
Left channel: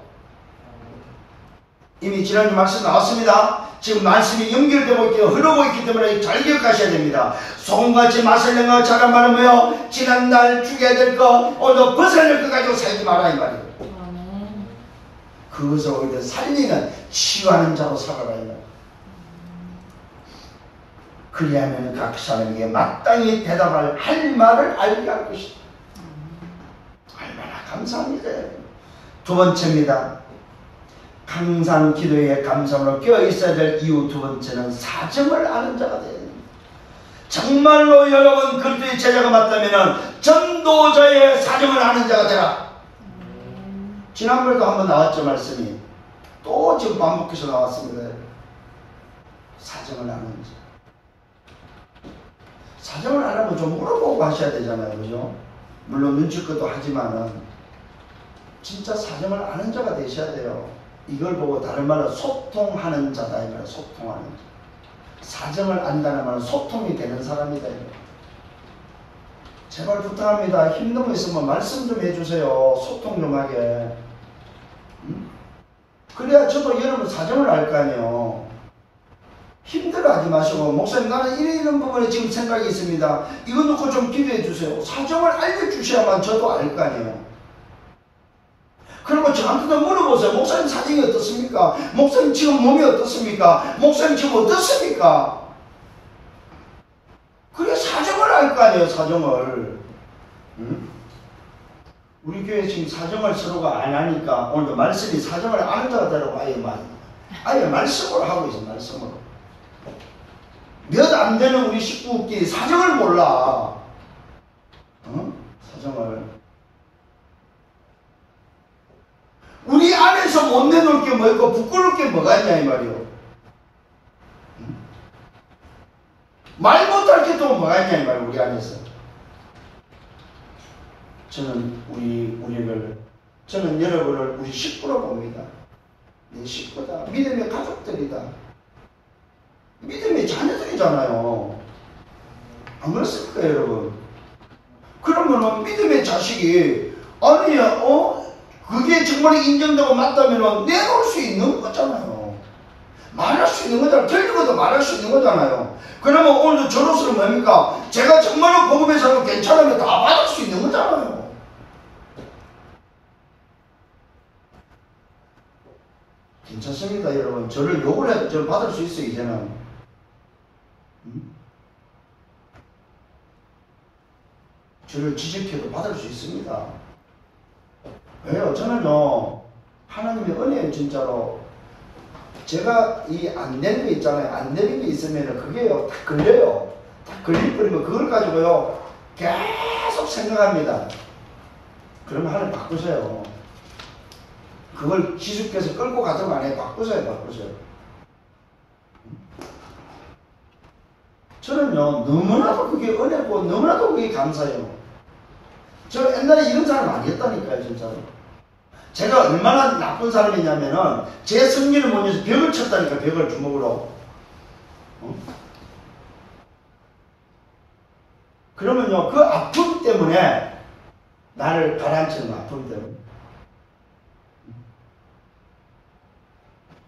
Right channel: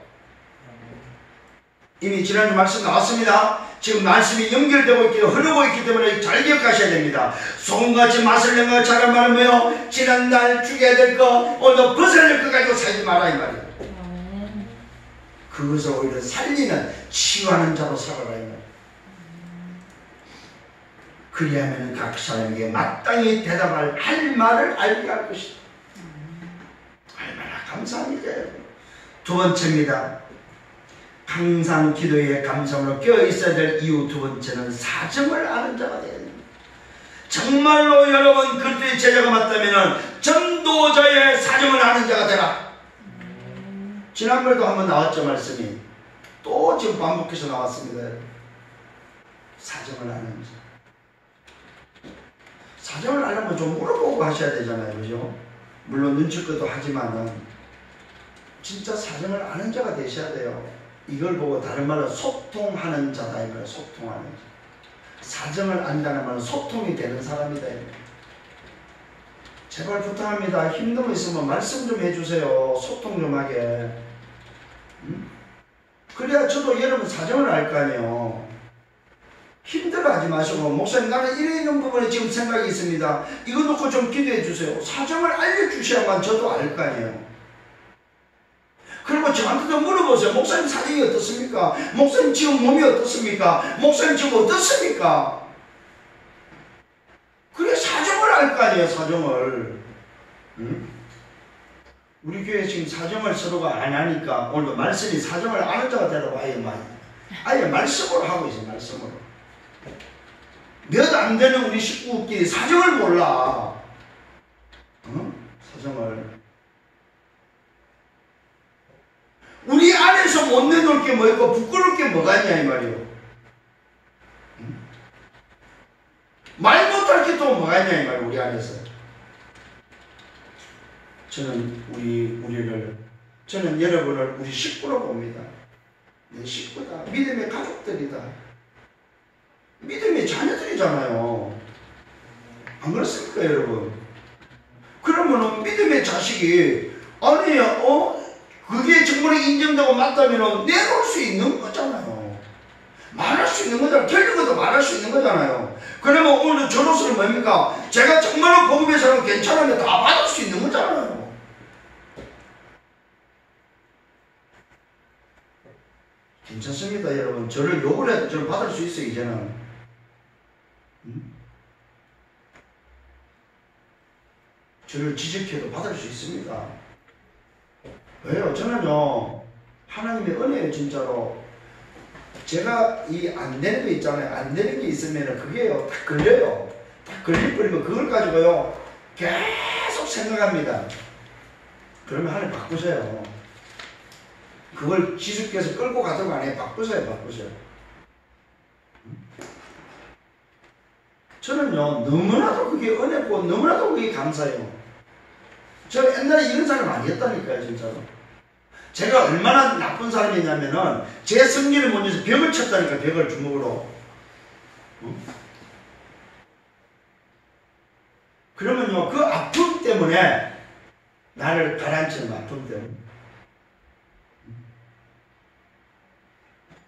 이미 지난주 말씀 나왔습니다. 지금 말씀이 연결되고 있기, 흐르고 있기 때문에 잘 기억하셔야 됩니다. 소금같이 맛을 낸 것 같이 하란 말은 뭐요? 지난날 죽여야 될 것, 오늘 벗어야 될 것 가지고 살지 마라 이 말이에요. 그것을 오히려 살리는, 치유하는 자로 살아라 이 말이에요. 그리하면 각 사람에게 마땅히 대답할 할 말을 알게 할 것이다. 얼마나 감사합니까? 두 번째입니다. 항상 기도에 감사함으로 깨어있어야 될 이유 두 번째는 사정을 아는 자가 되어야 됩니다. 정말로 여러분 그리스도의 제자가 맞다면 전도자의 사정을 아는 자가 되라. 지난번에도 한번 나왔죠 말씀이. 또 지금 반복해서 나왔습니다. 사정을 아는 자. 사정을 알려면 좀 물어보고 하셔야 되잖아요. 그죠? 물론 눈치껏도 하지만은 진짜 사정을 아는 자가 되셔야 돼요. 이걸 보고 다른 말로 소통하는 자다 이 말이에요. 소통하는 자. 사정을 안다는 말은 소통이 되는 사람이다. 제발 부탁합니다. 힘든 거 있으면 말씀 좀 해주세요. 소통 좀 하게. 그래야 저도 여러분 사정을 알 거 아니에요. 힘들어하지 마시고 목사님 나는 이런 부분에 지금 생각이 있습니다. 이거 놓고 좀 기도해 주세요. 사정을 알려주셔야만 저도 알 거 아니에요. 그리고 저한테도 물어보세요. 목사님 사정이 어떻습니까? 목사님 지금 몸이 어떻습니까? 목사님 지금 어떻습니까? 그래 사정을 알 거 아니에요. 사정을. 우리 교회 지금 사정을 서로가 안 하니까 오늘도 말씀이 사정을 아는 자가 되라고 아예 말씀으로 하고 있어요. 말씀으로. 몇 안 되는 우리 식구끼리 사정을 몰라. 사정을. 우리 안에서 못 내놓을 게 뭐 있고 부끄러울 게 뭐가 있냐 이 말이요. 말 못할 게 또 뭐가 있냐 이 말이요. 우리 안에서. 저는 여러분을 우리 식구로 봅니다. 내 식구다. 믿음의 가족들이다. 믿음의 자녀들이잖아요. 안 그렇습니까 여러분? 그러면은 믿음의 자식이 그게 정말 인정되고 맞다면 내놓을 수 있는 거잖아요. 말할 수 있는 거잖아요. 틀린 것도 말할 수 있는 거잖아요. 그러면 오늘 저로서는 뭡니까? 제가 정말로 복음의 사람 괜찮으면 다 받을 수 있는 거잖아요. 괜찮습니다 여러분. 저를 욕을 해도 저를 받을 수 있어요 이제는. 저를 지적해도 받을 수 있습니다. 왜요? 저는요, 하나님의 은혜예요, 진짜로. 제가 이 안 되는 거 있잖아요. 안 되는 게 있으면 그게요, 딱 걸려요. 딱 걸려버리면 그걸 가지고요, 계속 생각합니다. 그러면 하나님 바꾸세요. 그걸 지주께서 끌고 가도록 안 해요. 바꾸세요, 바꾸세요. 저는요, 너무나도 그게 은혜고, 너무나도 그게 감사해요. 저 옛날에 이런 사람 아니었다니까요, 진짜로. 제가 얼마나 나쁜 사람이냐면은, 제 승리를 못 내서 벽을 쳤다니까, 벽을 주먹으로. 그러면요, 그 아픔 때문에, 나를 가라앉히는 아픔 때문에.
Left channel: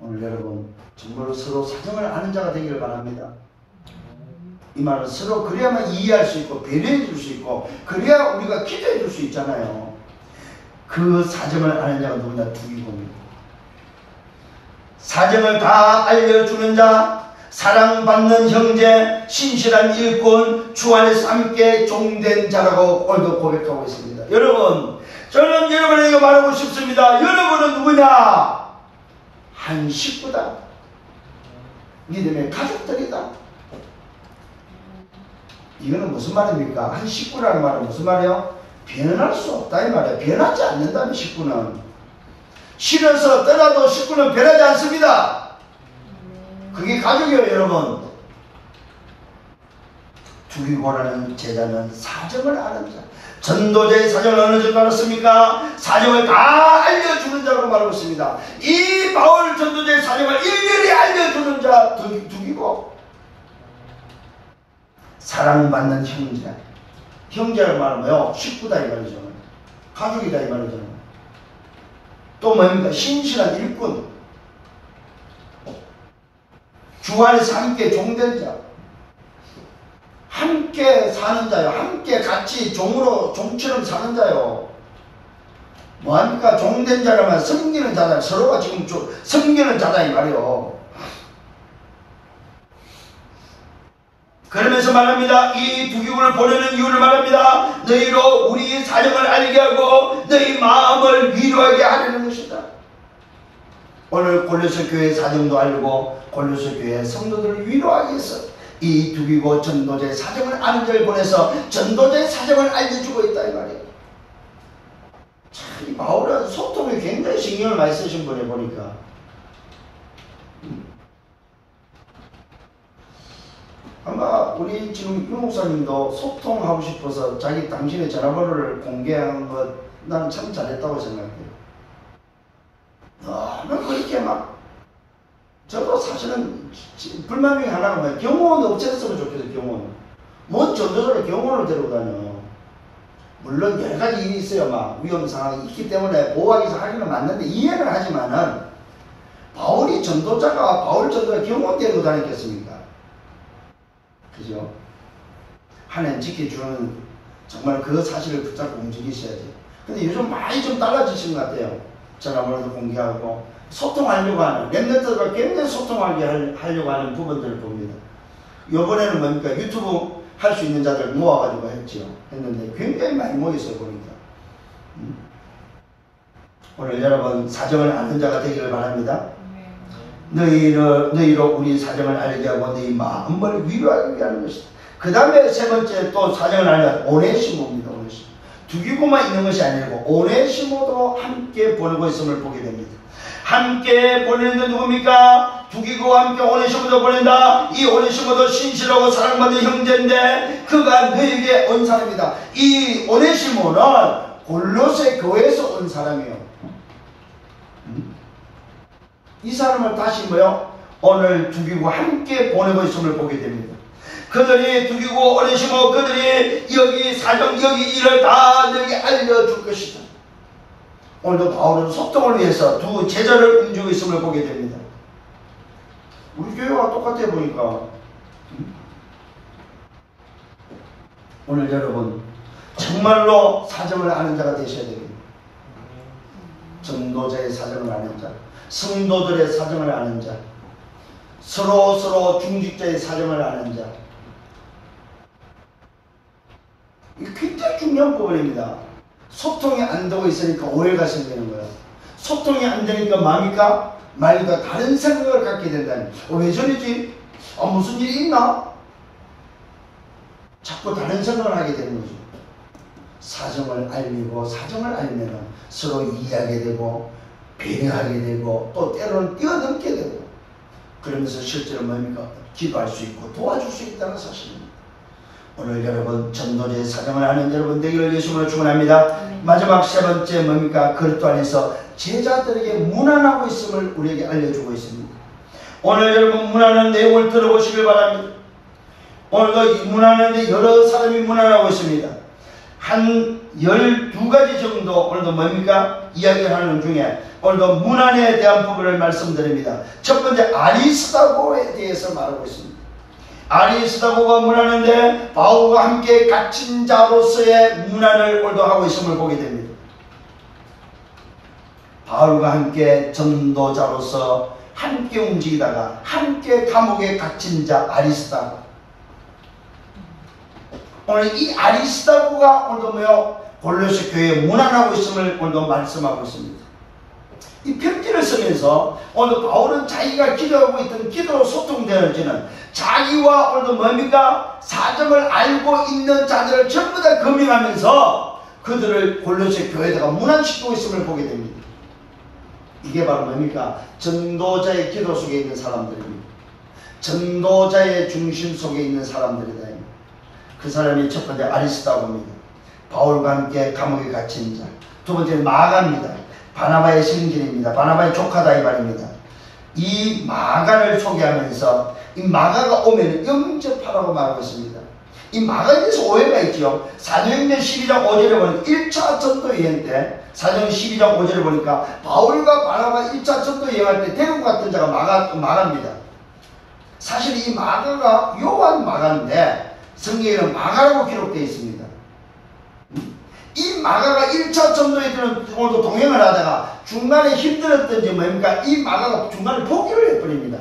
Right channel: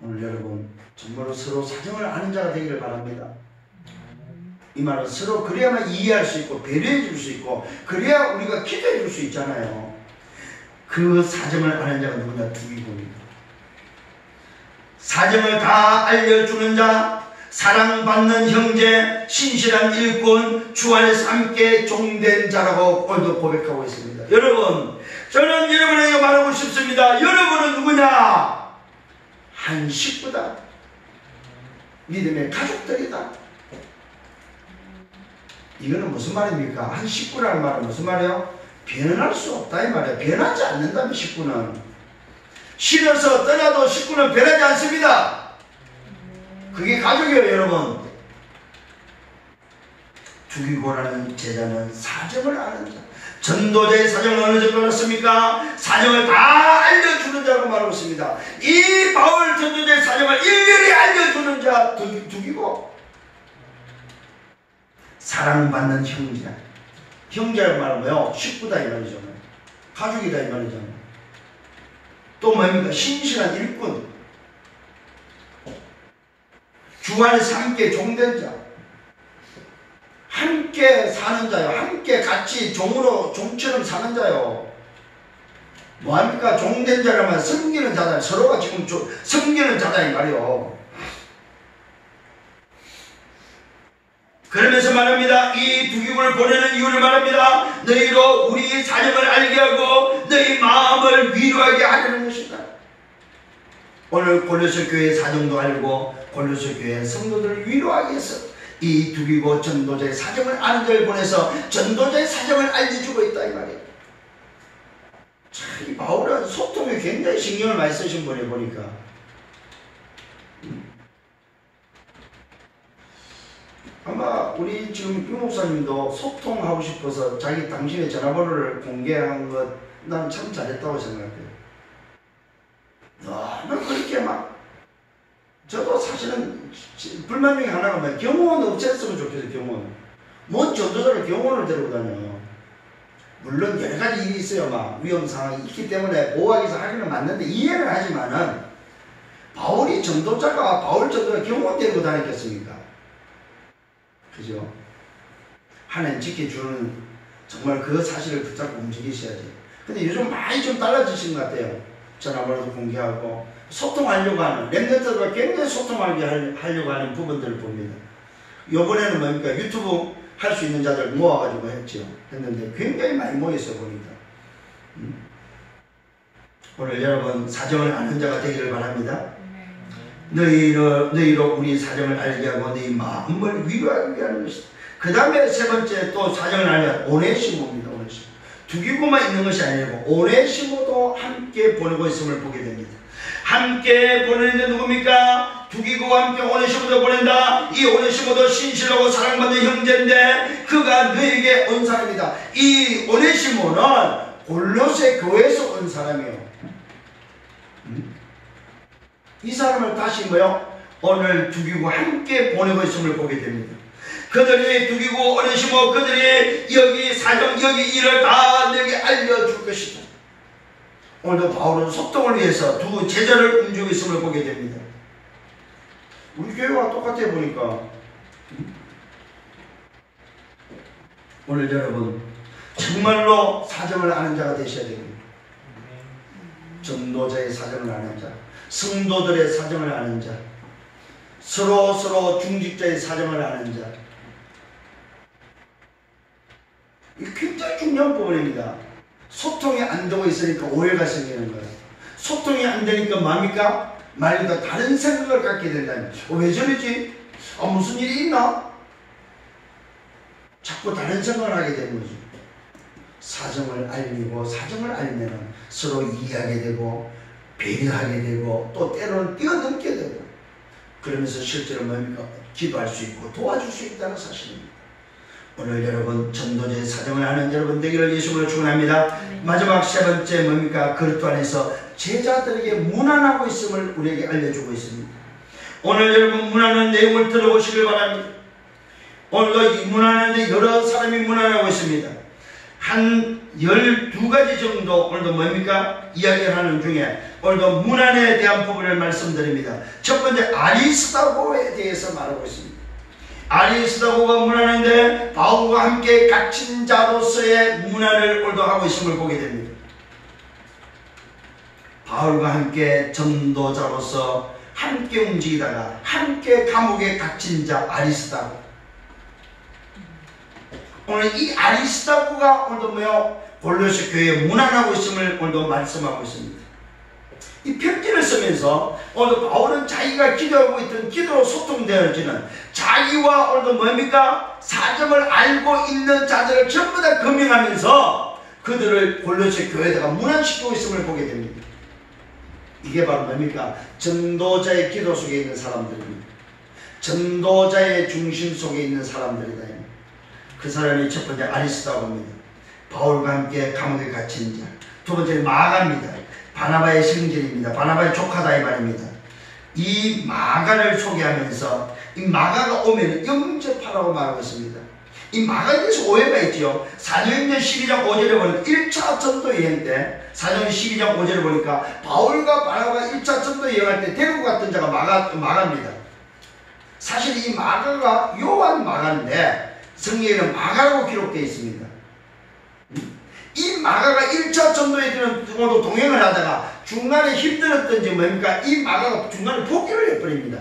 오늘 여러분, 정말로 서로 사정을 아는 자가 되기를 바랍니다. 이 말은 서로 그래야만 이해할 수 있고 배려해 줄 수 있고 그래야 우리가 기도해 줄 수 있잖아요. 그 사정을 아는 자가 누구냐? 두기고입니다. 사정을 다 알려주는 자, 사랑받는 형제, 신실한 일꾼, 주 안에서 함께 종된 자라고 오늘도 고백하고 있습니다. 여러분, 저는 여러분에게 말하고 싶습니다. 여러분은 누구냐? 한 식구다. 믿음의 가족들이다. 이거는 무슨 말입니까? 한 식구라는 말은 무슨 말이에요? 변할 수 없다 이 말이에요. 변하지 않는다면 식구는. 싫어서 떠나도 식구는 변하지 않습니다. 그게 가족이에요, 여러분. 두기고라는 제자는 사정을 아는 자. 전도자의 사정을 어느 정도 알았습니까? 사정을 다 알려주는 자로 말하고 있습니다. 이 바울 전도자의 사정을 일일이 알려주는 자 두기고. 사랑받는 형제. 형제를 말하면 식구다 이 말이죠. 가족이다 이 말이죠. 또 뭡니까? 신실한 일꾼. 주 안에서 함께 종된 자. 함께 사는 자요. 함께 같이 종처럼 사는 자요. 뭐합니까? 종된 자라면 섬기는 자다. 서로가 지금 섬기는 자다 이 말이요. 그러면서 말합니다. 이 두기고를 보내는 이유를 말합니다. 너희로 우리 사정을 알게 하고 너희 마음을 위로하게 하려는 것이다. 오늘 골로새 교회 사정도 알고 골로새 교회 성도들을 위로하기 위해서 이 두기고 전도자의 사정을 아는 자를 보내서 전도자의 사정을 알려주고 있다 이 말이에요. 참, 이 바울은 소통에 굉장히 신경을 많이 쓰신 분이 보니까 아마 우리 지금 유 목사님도 소통하고 싶어서 당신의 전화번호를 공개한 것 나는 참 잘했다고 생각해요. 너무 그렇게 막 저도 사실은 불만 중에 하나가 뭐야? 경호원 없앴으면 좋겠어요. 경호원. 뭔 전도자를 경호원을 데리고 다녀. 물론 여러 가지 일이 있어요. 막 위험 상황이 있기 때문에 보호하기 위해서 하기는 맞는데 이해는 하지만은 바울 전도자가 경호원 데리고 다녔겠습니까? 그죠? 하나님 지켜주는 정말 그 사실을 붙잡고 움직이셔야 돼요. 근데 요즘 많이 좀 달라지신 것 같아요. 전화번호도 공개하고 소통하려고 하는 랩런트가 굉장히 소통하게 하려고 하는 부분들을 봅니다. 이번에는 뭡니까? 유튜브 할 수 있는 자들 모아가지고 했는데 굉장히 많이 모였어요 보니까. 오늘 여러분 사정을 아는 자가 되기를 바랍니다. 너희로 우리 사정을 알게 하고 너희 마음을 위로하기 위한 것이다. 그 다음에 세 번째 또 사정을 알게 오네시모입니다. 오네시모. 두기고만 있는 것이 아니고 오네시모도 함께 보내고 있음을 보게 됩니다. 함께 보내는데 누굽니까? 두기고와 함께 오네시모도 보낸다. 이 오네시모도 신실하고 사랑받는 형제인데 그가 너에게 온 사람이다. 이 오네시모는 골로새 교회에서 온 사람이에요. 이 사람을 다시 오늘 두기고 함께 보내고 있음을 보게 됩니다. 그들이 두기고 오네시모 그들이 여기 일을 다 너에게 알려줄 것이다. 오늘도 바울은 소통을 위해서 두 제자를 움직이고 있음을 보게 됩니다. 우리 교회와 똑같아 보니까. 오늘 여러분 정말로 사정을 아는 자가 되셔야 됩니다. 전도자의 사정을 아는 자, 성도들의 사정을 아는 자, 서로 중직자의 사정을 아는 자. 이게 굉장히 중요해요. 중요한 부분입니다. 소통이 안 되고 있으니까 오해가 생기는 거예요. 소통이 안 되니까 뭡니까? 말과 다른 생각을 갖게 된다니. 왜 저러지? 무슨 일이 있나? 자꾸 다른 생각을 하게 되는 거죠. 사정을 알리고 사정을 알면 서로 이해하게 되고 배려하게 되고 또 때로는 뛰어넘게 되고 그러면서 실제로 뭡니까? 기도할 수 있고 도와줄 수 있다는 사실입니다. 오늘 여러분 전도자의 사정을 아는 여러분 되기를 예수님으로 축원합니다. 마지막 세 번째 뭡니까? 그리스도 안에서 제자들에게 문안하고 있음을 우리에게 알려주고 있습니다. 오늘 여러분 문안하는 내용을 들어보시길 바랍니다. 오늘도 이 문안하는데 여러 사람이 문안하고 있습니다. 한 12가지 정도 오늘도 뭡니까? 이야기를 하는 중에 오늘도 문안에 대한 부분을 말씀드립니다. 첫 번째 아리스다고에 대해서 말하고 있습니다. 아리스다고가 문안인데 바울과 함께 갇힌 자로서의 문안을 오늘도 하고 있음을 보게 됩니다. 바울과 함께 전도자로서 함께 움직이다가 함께 감옥에 갇힌 자 아리스다고. 오늘 이 아리스다고가 오늘도 뭐요? 골로새 교회에 문안하고 있음을 오늘도 말씀하고 있습니다. 이 편지를 쓰면서 오늘 바울은 자기가 기도하고 있던 기도로 소통되어지는 자기와 오늘도 뭡니까? 사정을 알고 있는 자들을 전부 다 검증하면서 그들을 골로새 교회에다가 문안시키고 있음을 보게 됩니다. 이게 바로 뭡니까? 전도자의 기도 속에 있는 사람들입니다. 전도자의 중심 속에 있는 사람들이다. 그 사람이 첫 번째 아리스다고입니다. 바울과 함께 감옥에 갇힌 자. 두 번째 마가입니다. 바나바의 형제입니다. 바나바의 조카다 이 말입니다. 이 마가를 소개하면서 이 마가가 오면 영접하라고 말하고 있습니다. 이 마가에 대해서 오해가 있죠. 사도행전 12장 5절에 보니까 1차 전도 여행 때 사도행전 12장 5절에 보니까 바울과 바나바가 1차 전도 여행할 때 데리고 갔던 자가 마가입니다. 사실 이 마가가 요한 마가인데 성경에는 마가라고 기록되어 있습니다. 이 마가가 1차 전도에 오늘도 동행을 하다가 중간에 힘들었던지 뭡니까? 이 마가가 중간에 포기를 해버립니다.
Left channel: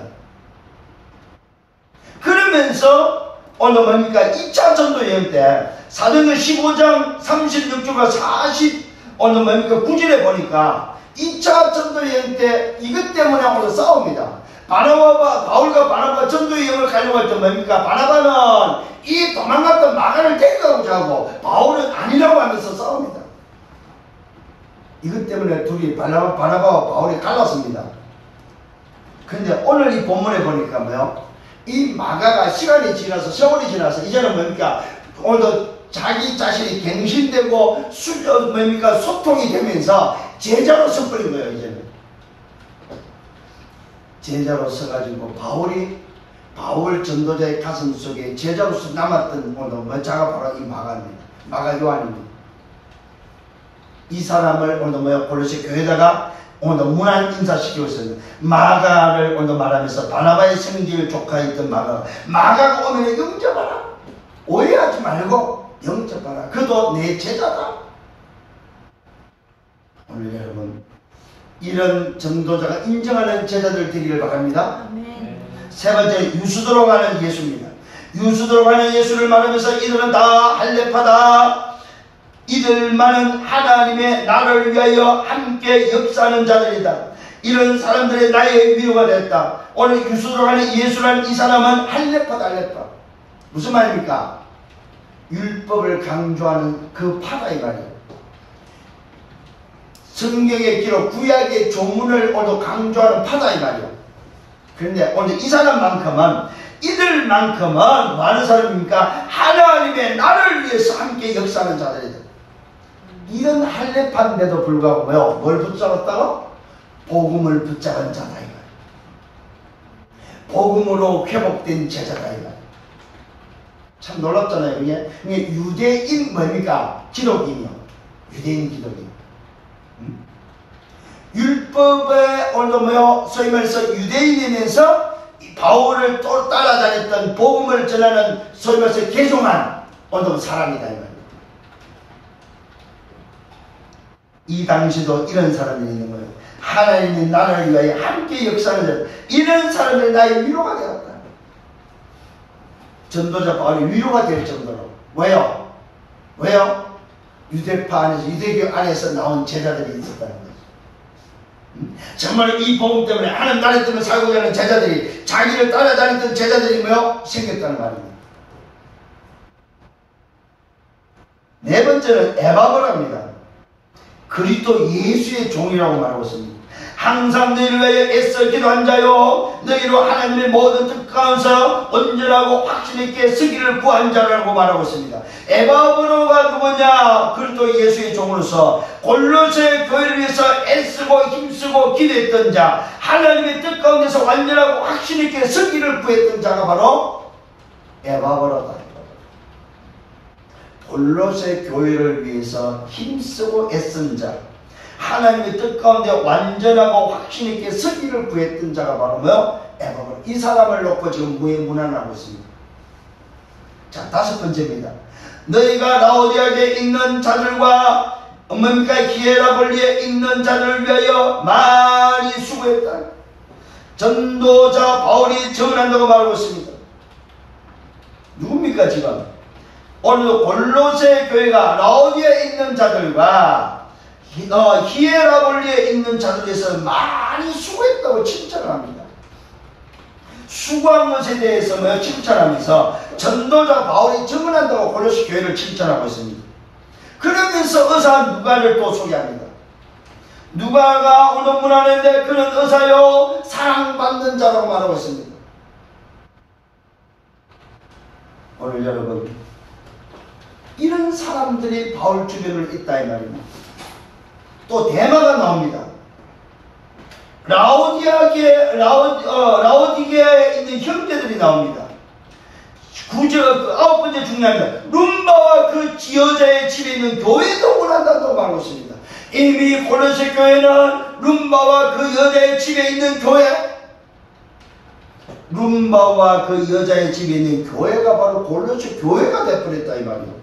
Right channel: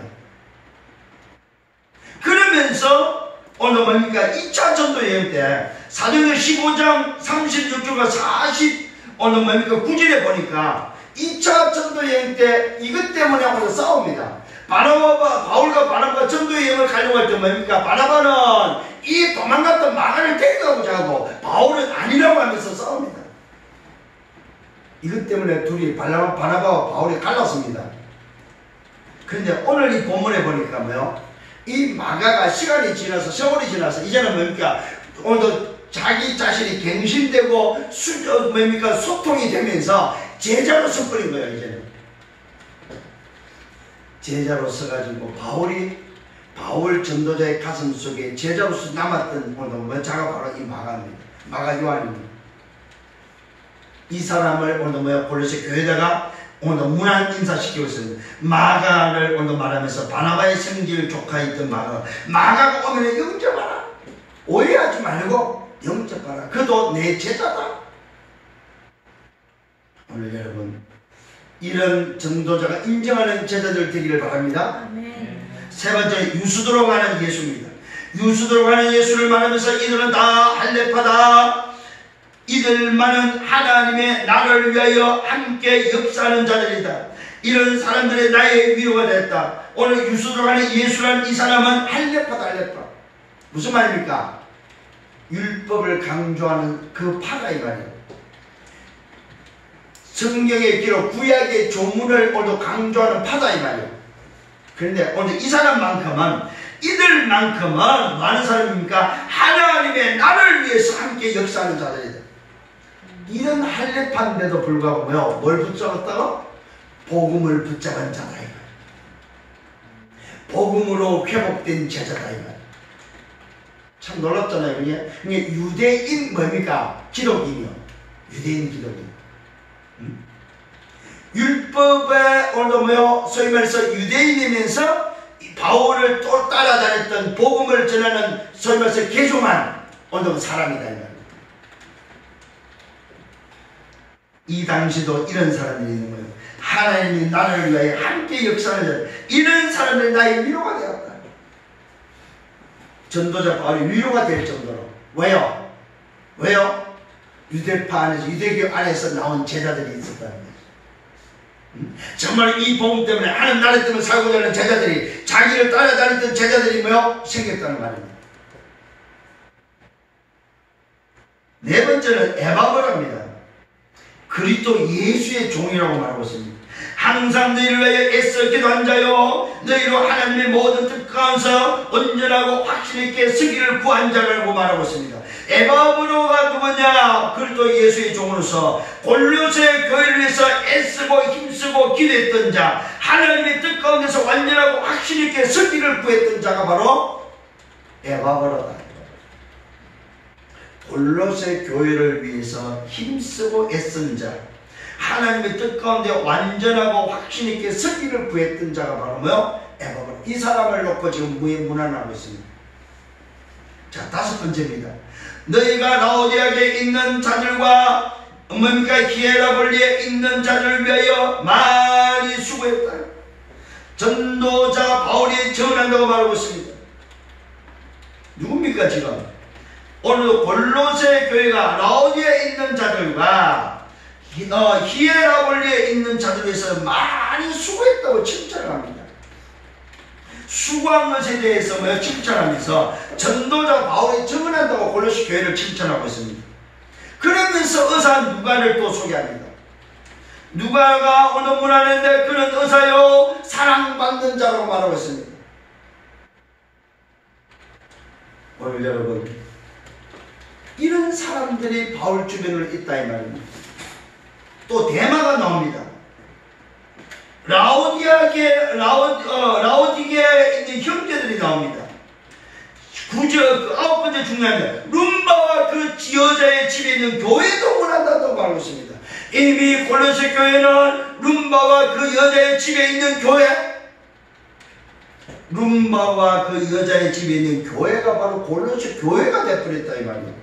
그러면서 오늘 뭡니까? 2차 전도 여행 때 사도행전 15장 36절과 40 오늘 뭡니까? 9절에 보니까 2차 전도 여행 때 이것 때문에 오늘 싸웁니다. 바울과 바나바가 전도 여행을 가려고 할 때 뭡니까? 바나바는 이 도망갔던 마가를 데려가고자 하고 바울은 아니라고 하면서 싸웁니다. 이것 때문에 둘이 바나바와 바울이 갈랐습니다. 그런데 오늘 이 본문에 보니까 뭐요? 이 마가가 시간이 지나서 세월이 지나서 이제는 뭡니까? 오늘도 자기 자신이 갱신되고 뭡니까? 소통이 되면서 제자로 서버린 거예요. 이제는 제자로 서가지고 바울 전도자의 가슴 속에 제자로서 남았던 오늘 자가 바로 이 마가입니다. 마가 요한입니다. 이 사람을 오늘 골로새 교회에다가 오늘 문안 인사시키고 있습니다. 마가를 오늘 말하면서 바나바의 생질 조카였던 마가가 오면 영접하라. 오해하지 말고 영접하라. 그도 내 제자다. 오늘 여러분 이런 전도자가 인정하는 제자들 되기를 바랍니다. 아멘. 세 번째 유수도로 가는 예수입니다. 유수도로 가는 예수를 말하면서 이들은 다 할례파다. 이들만은 하나님의 나라를 위하여 함께 역사하는 자들이다. 이런 사람들의 나의 위로가 됐다. 오늘 유수도로 가는 예수라는 이 사람은 할례파다. 할례파 무슨 말입니까? 율법을 강조하는 그 파다 이 말이에요. 성경의 기록 구약의 조문을 오늘 강조하는 파다 이 말이에요. 그런데 오늘 이 사람만큼은 이들만큼은 뭐 하는 사람입니까? 하나님의 나라를 위해서 함께 역사하는 자들이다. 이런 할례파인데도 불구하고 뭐요? 뭘 붙잡았다고? 복음을 붙잡은 자다 이 말이에요. 복음으로 회복된 제자다 이 말이에요. 참 놀랍잖아요. 이게 유대인 뭡니까? 기독인이요. 유대인 기독인. 율법에 오늘도 뭐요? 소위 말해서 유대인이면서 바울을 또 따라다녔던 복음을 전하는 소위 말해서 개종한 오늘도 사람이다 이 말이에요. 이 당시도 이런 사람들이 있는 거예요. 하나님이 나라를 위하여 함께 역사하는 자. 이런 사람들이 나의 위로가 되었다. 전도자 바울이 위로가 될 정도로. 왜요? 왜요? 유대파 안에서, 유대교 안에서 나온 제자들이 있었다는 거죠. 정말 이 복음 때문에, 하나님 나라 때문에 살고자 하는 제자들이, 자기를 따라다니던 제자들이 뭐요? 생겼다는 말입니다. 네 번째는 에바브라입니다. 그리스도 예수의 종이라고 말하고 있습니다. 항상 너희를 위하여 애써 기도한 자요, 너희로 하나님의 모든 뜻 가운데서 온전하고 확신 있게 서기를 구한 자라고 말하고 있습니다. 에바브로가 누구냐? 그리스도 예수의 종으로서 골로새 교회를 위해서 애쓰고 힘쓰고 기도했던 자, 하나님의 뜻 가운데서 완전하고 확신 있게 서기를 구했던 자가 바로 에바브로다. 골로새 교회를 위해서 힘쓰고 애쓴 자, 하나님의 뜻 가운데 완전하고 확신 있게 서기를 구했던 자가 바로 뭐요? 에바브로. 이 사람을 놓고 지금 문안을 하고 있습니다. 자, 다섯 번째입니다. 너희가 라오디아에 있는 자들과 뭡니까? 히에라볼리에 있는 자들을 위하여 많이 수고했다. 전도자 바울이 전한다고 말하고 있습니다. 누굽니까 지금? 오늘도 골로새 교회가 라오디아에 있는 자들과 히에라볼리에 있는 자들에서 많이 수고했다고 칭찬을 합니다. 수고한 것에 대해서 칭찬하면서 전도자 바울이 증언한다고 골로새 교회를 칭찬하고 있습니다. 그러면서 의사 누가를 또 소개합니다. 누가가 오늘 문안인데 그는 의사요 사랑받는 자라고 말하고 있습니다. 오늘 여러분, 이런 사람들이 바울 주변으로 있다 이 말입니다. 또 대마가 나옵니다. 라오디게에 있는 형제들이 나옵니다. 아홉 번째 중요합니다. 룸바와 그 여자의 집에 있는 교회도 원한다고 말하고 있습니다. 이미 골로새 교회는 룸바와 그 여자의 집에 있는 교회, 룸바와 그 여자의 집에 있는 교회가 바로 골로새 교회가 되어버렸다 이 말이에요.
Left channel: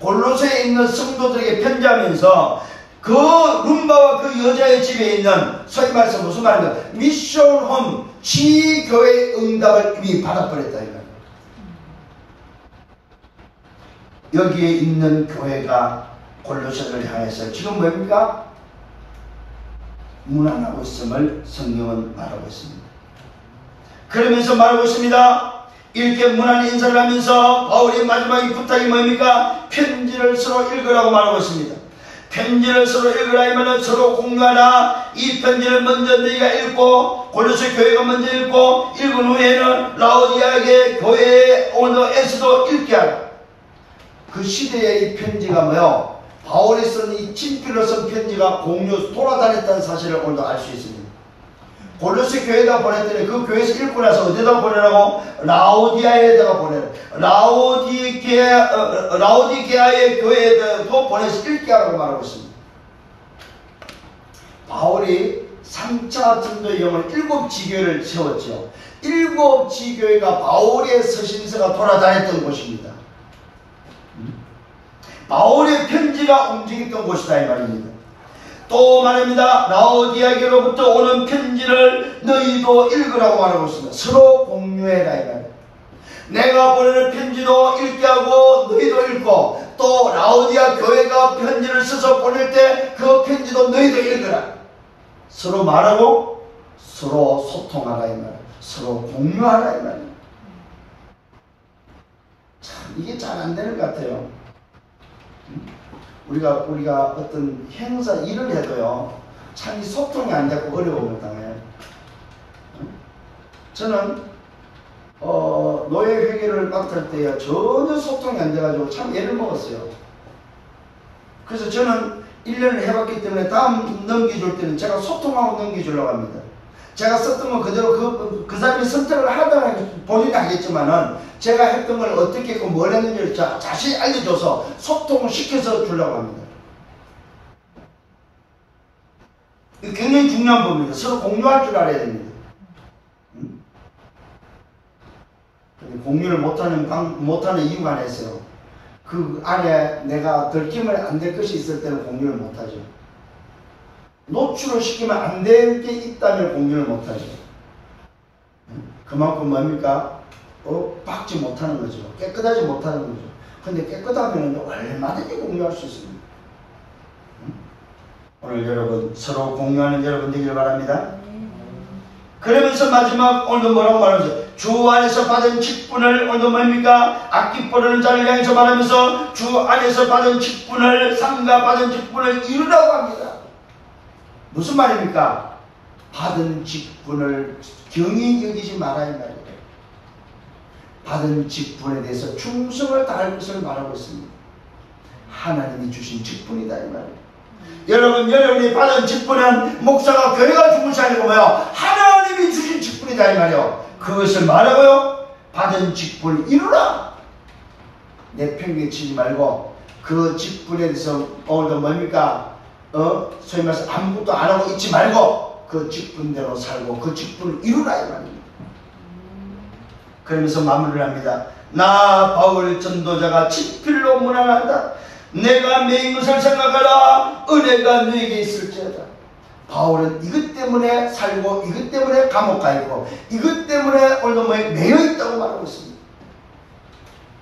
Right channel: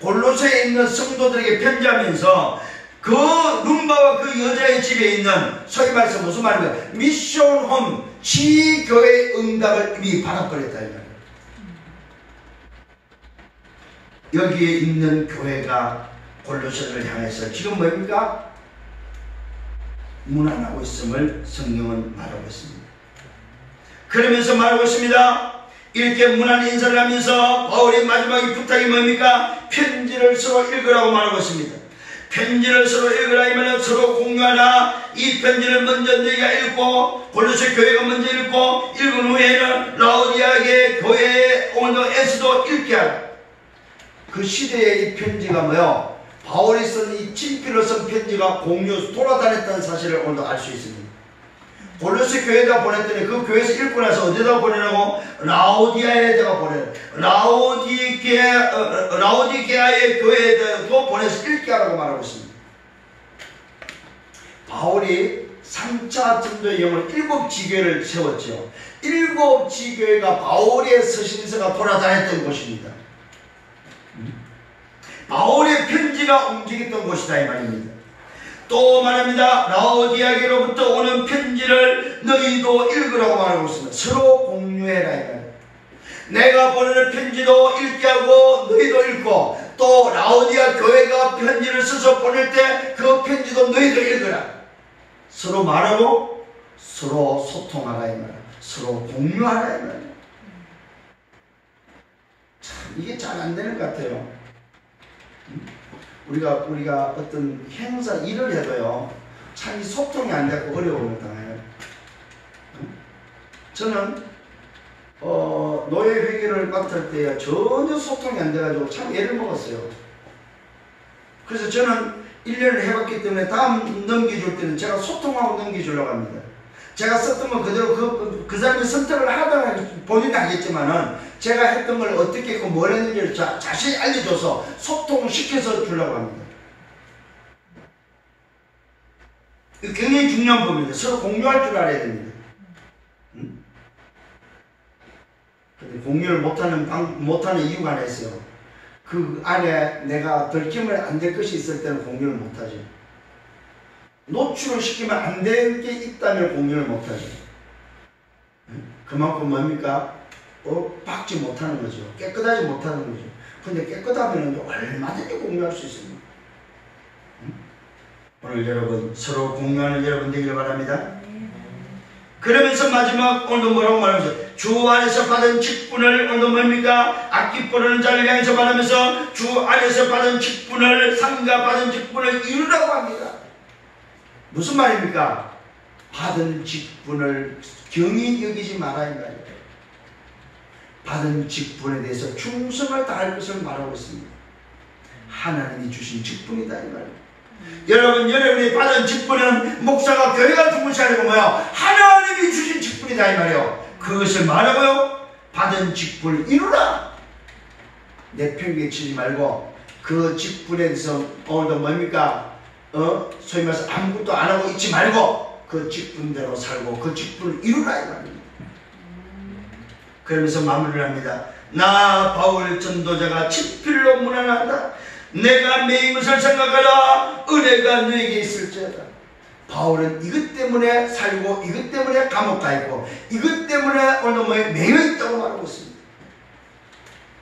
골로새에 있는 성도들에게 편지하면서 그 룸바와 그 여자의 집에 있는, 소위 말해서 무슨 말인가, 미션홈 지교회 응답을 이미 받아버렸다 이 말이에요. 여기에 있는 교회가 골로새를 향해서 지금 뭡니까? 문안하고 있음을 성경은 말하고 있습니다. 그러면서 말하고 있습니다. 이렇게 문안 인사를 하면서 바울의 마지막에 부탁이 뭡니까? 편지를 서로 읽으라고 말하고 있습니다. 편지를 서로 읽으라 하면 서로 공유하라. 이 편지를 먼저 너희가 읽고 골로새 교회가 먼저 읽고, 읽은 후에는 라오디아의 교회에 오너에서도 읽게 하라. 그 시대에 이 편지가 뭐요? 바울이 쓴 이 친필로 쓴 편지가 공유 돌아다녔다는 사실을 오늘도 알 수 있습니다. 골로새 교회에다 보냈더니 그 교회에서 읽고 나서 어디다 보내라고? 라오디아에다가 보내라. 라오디게아의 교회에도 보내서 읽게 하라고 말하고 있습니다. 바울이 3차 전도의 영을 7지교회를 세웠죠. 7지교회가 바울의 서신서가 돌아다녔던 곳입니다. 바울의 편지가 움직였던 곳이다 이 말입니다. 또 말합니다. 라오디아게로부터 오는 편지를 너희도 읽으라고 말하고 있습니다. 서로 공유해라 이 말입니다. 내가 보내는 편지도 읽게 하고 너희도 읽고, 또 라오디아 교회가 편지를 써서 보낼 때 그 편지도 너희도 읽으라. 서로 말하고 서로 소통하라 이 말이에요. 서로 공유하라 이 말이에요. 참 이게 잘 안 되는 것 같아요. 우리가 어떤 행사 일을 해도요, 참 이 소통이 안 되고 어려움을 당해요. 저는 노예 회계를 맡을 때요, 전혀 소통이 안 돼가지고 참 애를 먹었어요. 그래서 저는 1년을 해봤기 때문에 다음 넘겨줄 때는 제가 소통하고 넘겨주려고 합니다. 제가 썼던 건 그대로 그 사람이 선택을 하다가 본인이 하겠지만은 제가 했던 걸 어떻게 했고 뭘 했는지를 자세히 알려줘서 소통을 시켜서 주려고 합니다. 이거 굉장히 중요한 부분입니다. 서로 공유할 줄 알아야 됩니다. 공유를 못하는 이유가 하나 있어요. 그 안에 내가 들키면 안 될 것이 있을 때는 공유를 못하죠. 노출을 시키면 안 될 게 있다면 공유를 못하죠. 그만큼 뭡니까? 박지 못하는 거죠. 깨끗하지 못하는 거죠. 근데 깨끗하면 얼마든지 공유할 수 있습니다. 오늘 여러분 서로 공유하는 여러분 되기를 바랍니다. 그러면서 마지막 오늘도 뭐라고 말하면서 주 안에서 받은 직분을 오늘도 뭡니까? 악기 부르는 자를 향해서 말하면서 주 안에서 받은 직분을 삼가 받은 직분을 이루라고 합니다. 무슨 말입니까? 받은 직분을 경히 여기지 마라 이 말이에요. 받은 직분에 대해서 충성을 다할 것을 말하고 있습니다. 하나님이 주신 직분이다 이 말이에요. 여러분이 받은 직분은 목사가 교회가 주는 것이 아니고 뭐요? 하나님이 주신 직분이다 이 말이요. 그것을 말하고요. 받은 직분을 이루라. 내 편견치지 말고 그 직분에 대해서 오늘도 뭡니까? 소위 말해서 아무것도 안 하고 있지 말고 그 직분대로 살고 그 직분을 이루라 이 말입니다. 그러면서 마무리를 합니다. 나 바울 전도자가 친필로 문안한다. 내가 매인 것을 생각하라. 은혜가 너에게 있을지어다. 바울은 이것 때문에 살고 이것 때문에 감옥 가 있고 이것 때문에 오늘도 매여 있다고 말하고 있습니다.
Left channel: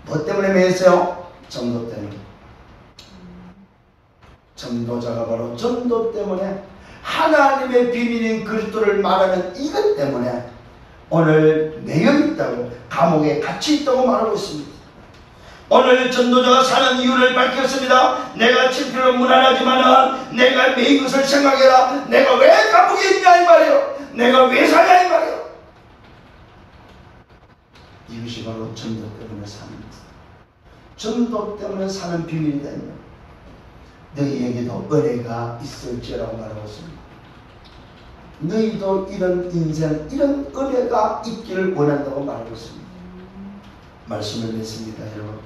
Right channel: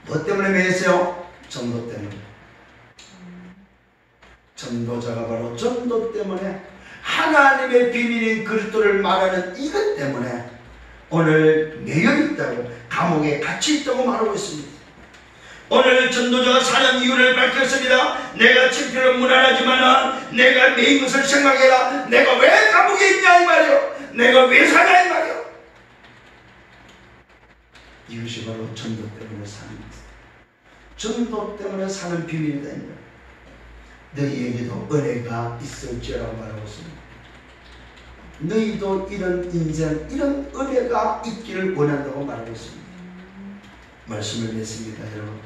뭐 때문에 매였어요? 전도 때문에. 전도자가 바로 전도 때문에 하나님의 비밀인 그리스도를 말하는 이것 때문에 오늘 매여 있다고 감옥에 갇혀 있다고 말하고 있습니다. 오늘 전도자가 사는 이유를 밝혔습니다. 내가 친필로 문안하지만 내가 매인 것을 생각해라. 내가 왜 감옥에 있냐 이 말이요. 내가 왜 사냐 이 말이요. 이것이 바로 전도 때문에 사는 것. 전도 때문에 사는 비밀이다 이 말이요. 너희에게도 은혜가 있을지라고 말하고 있습니다. 너희도 이런 인생, 이런 은혜가 있기를 원한다고 말하고 있습니다. 말씀을 맺습니다 여러분.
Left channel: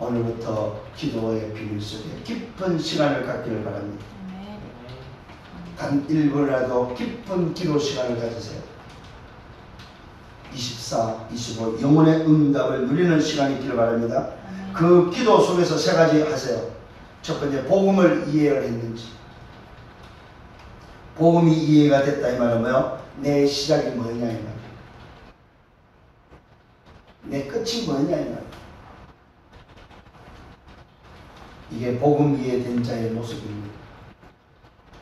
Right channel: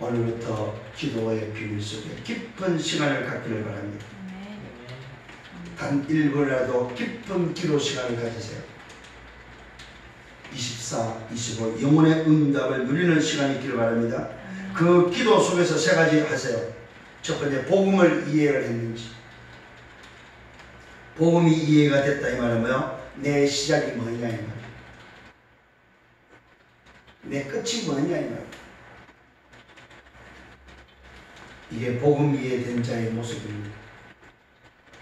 오늘부터 기도의 비밀 속에 깊은 시간을 갖기를 바랍니다. 단 1분이라도 깊은 기도 시간을 가지세요. 24, 25 영혼의 응답을 누리는 시간이 있기를 바랍니다. 그 기도 속에서 세 가지 하세요. 첫 번째, 복음을 이해를 했는지. 복음이 이해가 됐다 이 말은 뭐요? 내 시작이 뭐냐 이 말이에요. 내 끝이 뭐냐 이 말이에요. 이게 복음 이해된 자의 모습입니다.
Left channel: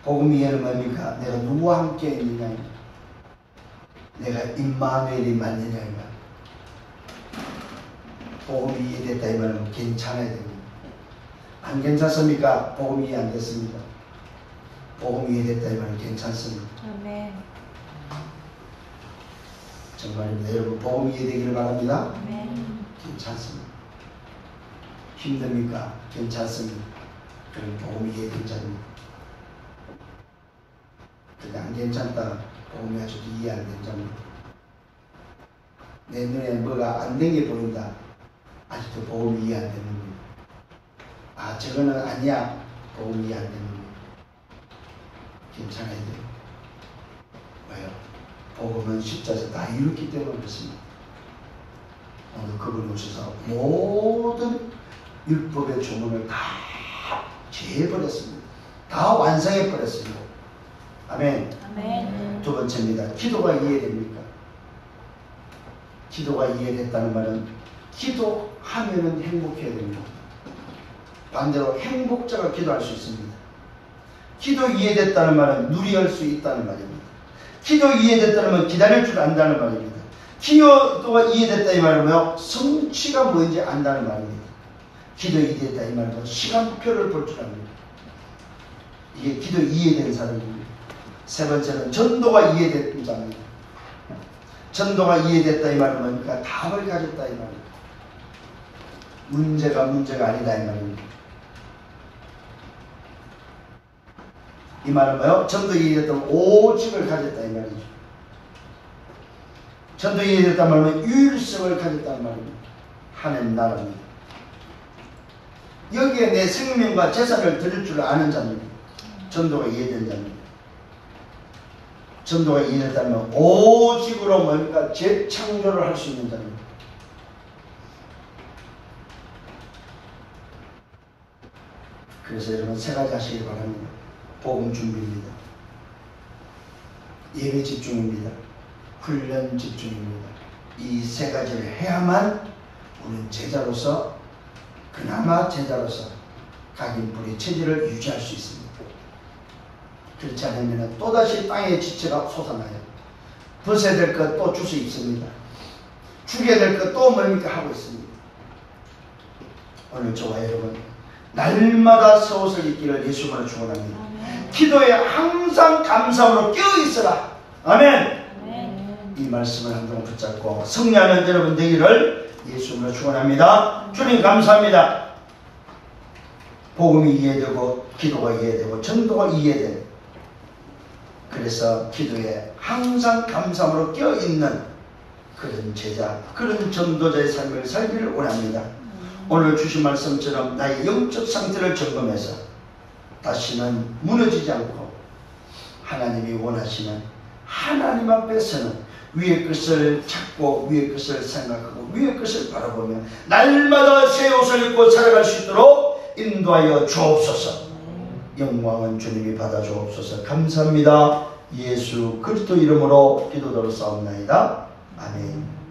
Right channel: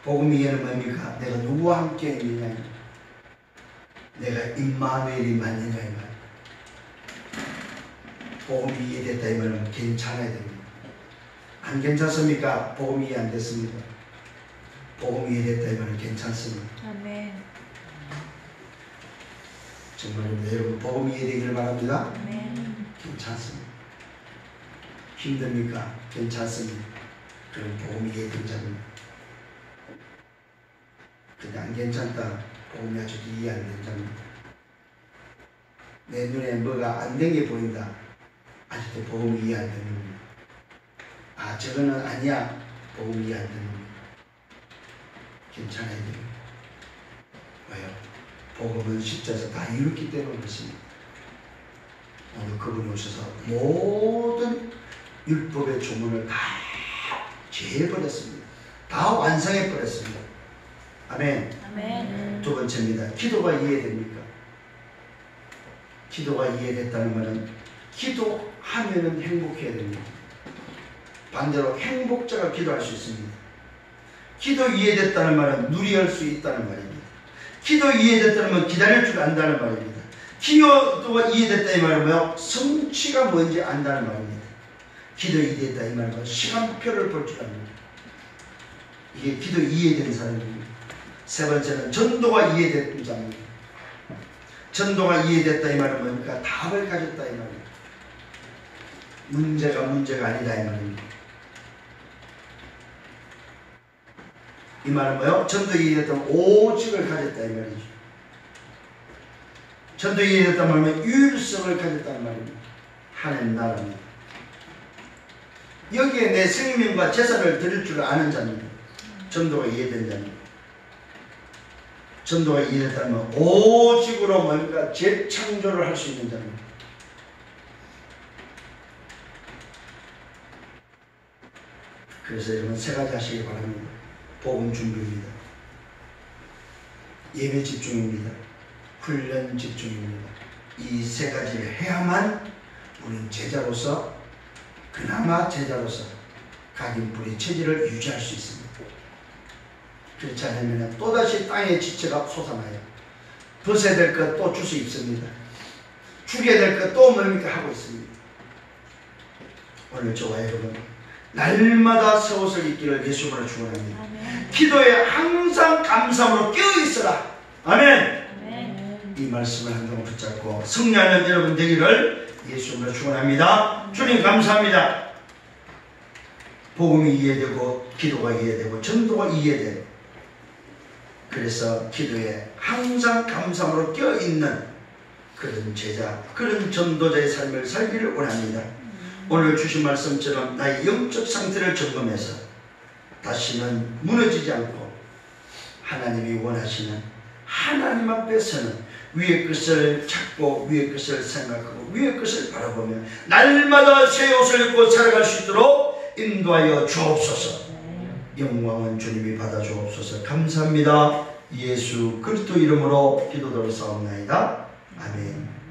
복음 이해는 뭡니까? 내가 누구와 함께 있느냐 이 말이에요. 내가 임마누엘이 맞느냐 이 말이에요. 복음이 이해됐다 이 말은 괜찮아야 됩니다. 안 괜찮습니까? 복음이 이해 안 됐습니다. 복음이 이해됐다 이 말은 괜찮습니다. 아멘. 정말입니다. 여러분 복음이 이해되기를 바랍니다. 아멘. 괜찮습니다. 힘듭니까? 괜찮습니다. 그런 복음이 이해된 자입니다. 그냥 안 괜찮다. 복음이 아주 이해 안 된 자입니다. 내 눈에 뭐가 안 된 게 보인다. 아직도 복음이 이해 안 되는 겁니다. 아 저거는 아니야. 복음이 이해 안 되는 겁니다. 괜찮아야 돼요. 왜요? 복음은 십자에서 다 이뤘기 때문에 그렇습니다. 오늘 그분이 오셔서 모든 율법의 조문을 다 제해버렸습니다. 다 완성해버렸습니다. 아멘. 아멘. 두 번째입니다. 기도가 이해됩니까? 기도가 이해됐다는 말은 기도하면은 행복해야 됩니다. 반대로 행복자가 기도할 수 있습니다. 기도 이해됐다는 말은 누리할 수 있다는 말입니다. 기도 이해됐다는 말은 기다릴 줄 안다는 말입니다. 기도가 이해됐다 이 말은 뭐요? 성취가 뭔지 안다는 말입니다. 기도 이해됐다 이 말은 시간표를 볼 줄 압니다. 이게 기도 이해된 사람입니다. 세 번째는 전도가 이해된 자입니다. 전도가 이해됐다 이 말은 뭡니까? 답을 가졌다 이 말입니다. 문제가 아니다 이 말입니다. 이 말은 뭐요? 전도 이해됐다면 오직을 가졌다 이 말이죠. 전도 이해됐다 말은 유일성을 가졌다는 말입니다. 하나님 나라입니다. 여기에 내 생명과 재산을 드릴 줄 아는 자입니다. 전도가 이해된 자입니다. 전도가 이해됐다면 오직으로 뭡니까? 재창조를 할 수 있는 자입니다. 그래서 여러분 세 가지 하시기 바랍니다. 복음 준비입니다. 예배 집중입니다. 훈련 집중입니다. 이 세 가지를 해야만 우리는 제자로서, 그나마 제자로서 각인 뿌리 체질을 유지할 수 있습니다. 그렇지 않으면 또다시 땅의 지체가 솟아나요. 벗어야 될 것 또 주워 입습니다. 죽여야 될 것 또 뭡니까 하고 있습니다. 오늘 저와 여러분 날마다 새 옷을 입기를 예수님으로 축원합니다. 기도에 항상 감사함으로 깨어있어라. 아멘. 이 말씀을 한번 붙잡고 승리하는 여러분 되기를 예수님으로 축원합니다. 주님 감사합니다. 복음이 이해되고 기도가 이해되고 전도가 이해되고, 그래서 기도에 항상 감사함으로 껴있는 그런 제자, 그런 전도자의 삶을 살기를 원합니다. 오늘 주신 말씀처럼 나의 영적 상태를 점검해서 다시는 무너지지 않고 하나님이 원하시는 하나님 앞에서는 위의 것을 찾고 위의 것을 생각하고 위의 것을 바라보며 날마다 새 옷을 입고 살아갈 수 있도록 인도하여 주옵소서. 영광은 주님이 받아 주옵소서. 감사합니다. 예수 그리스도 이름으로 기도드렸사옵나이다. 아멘.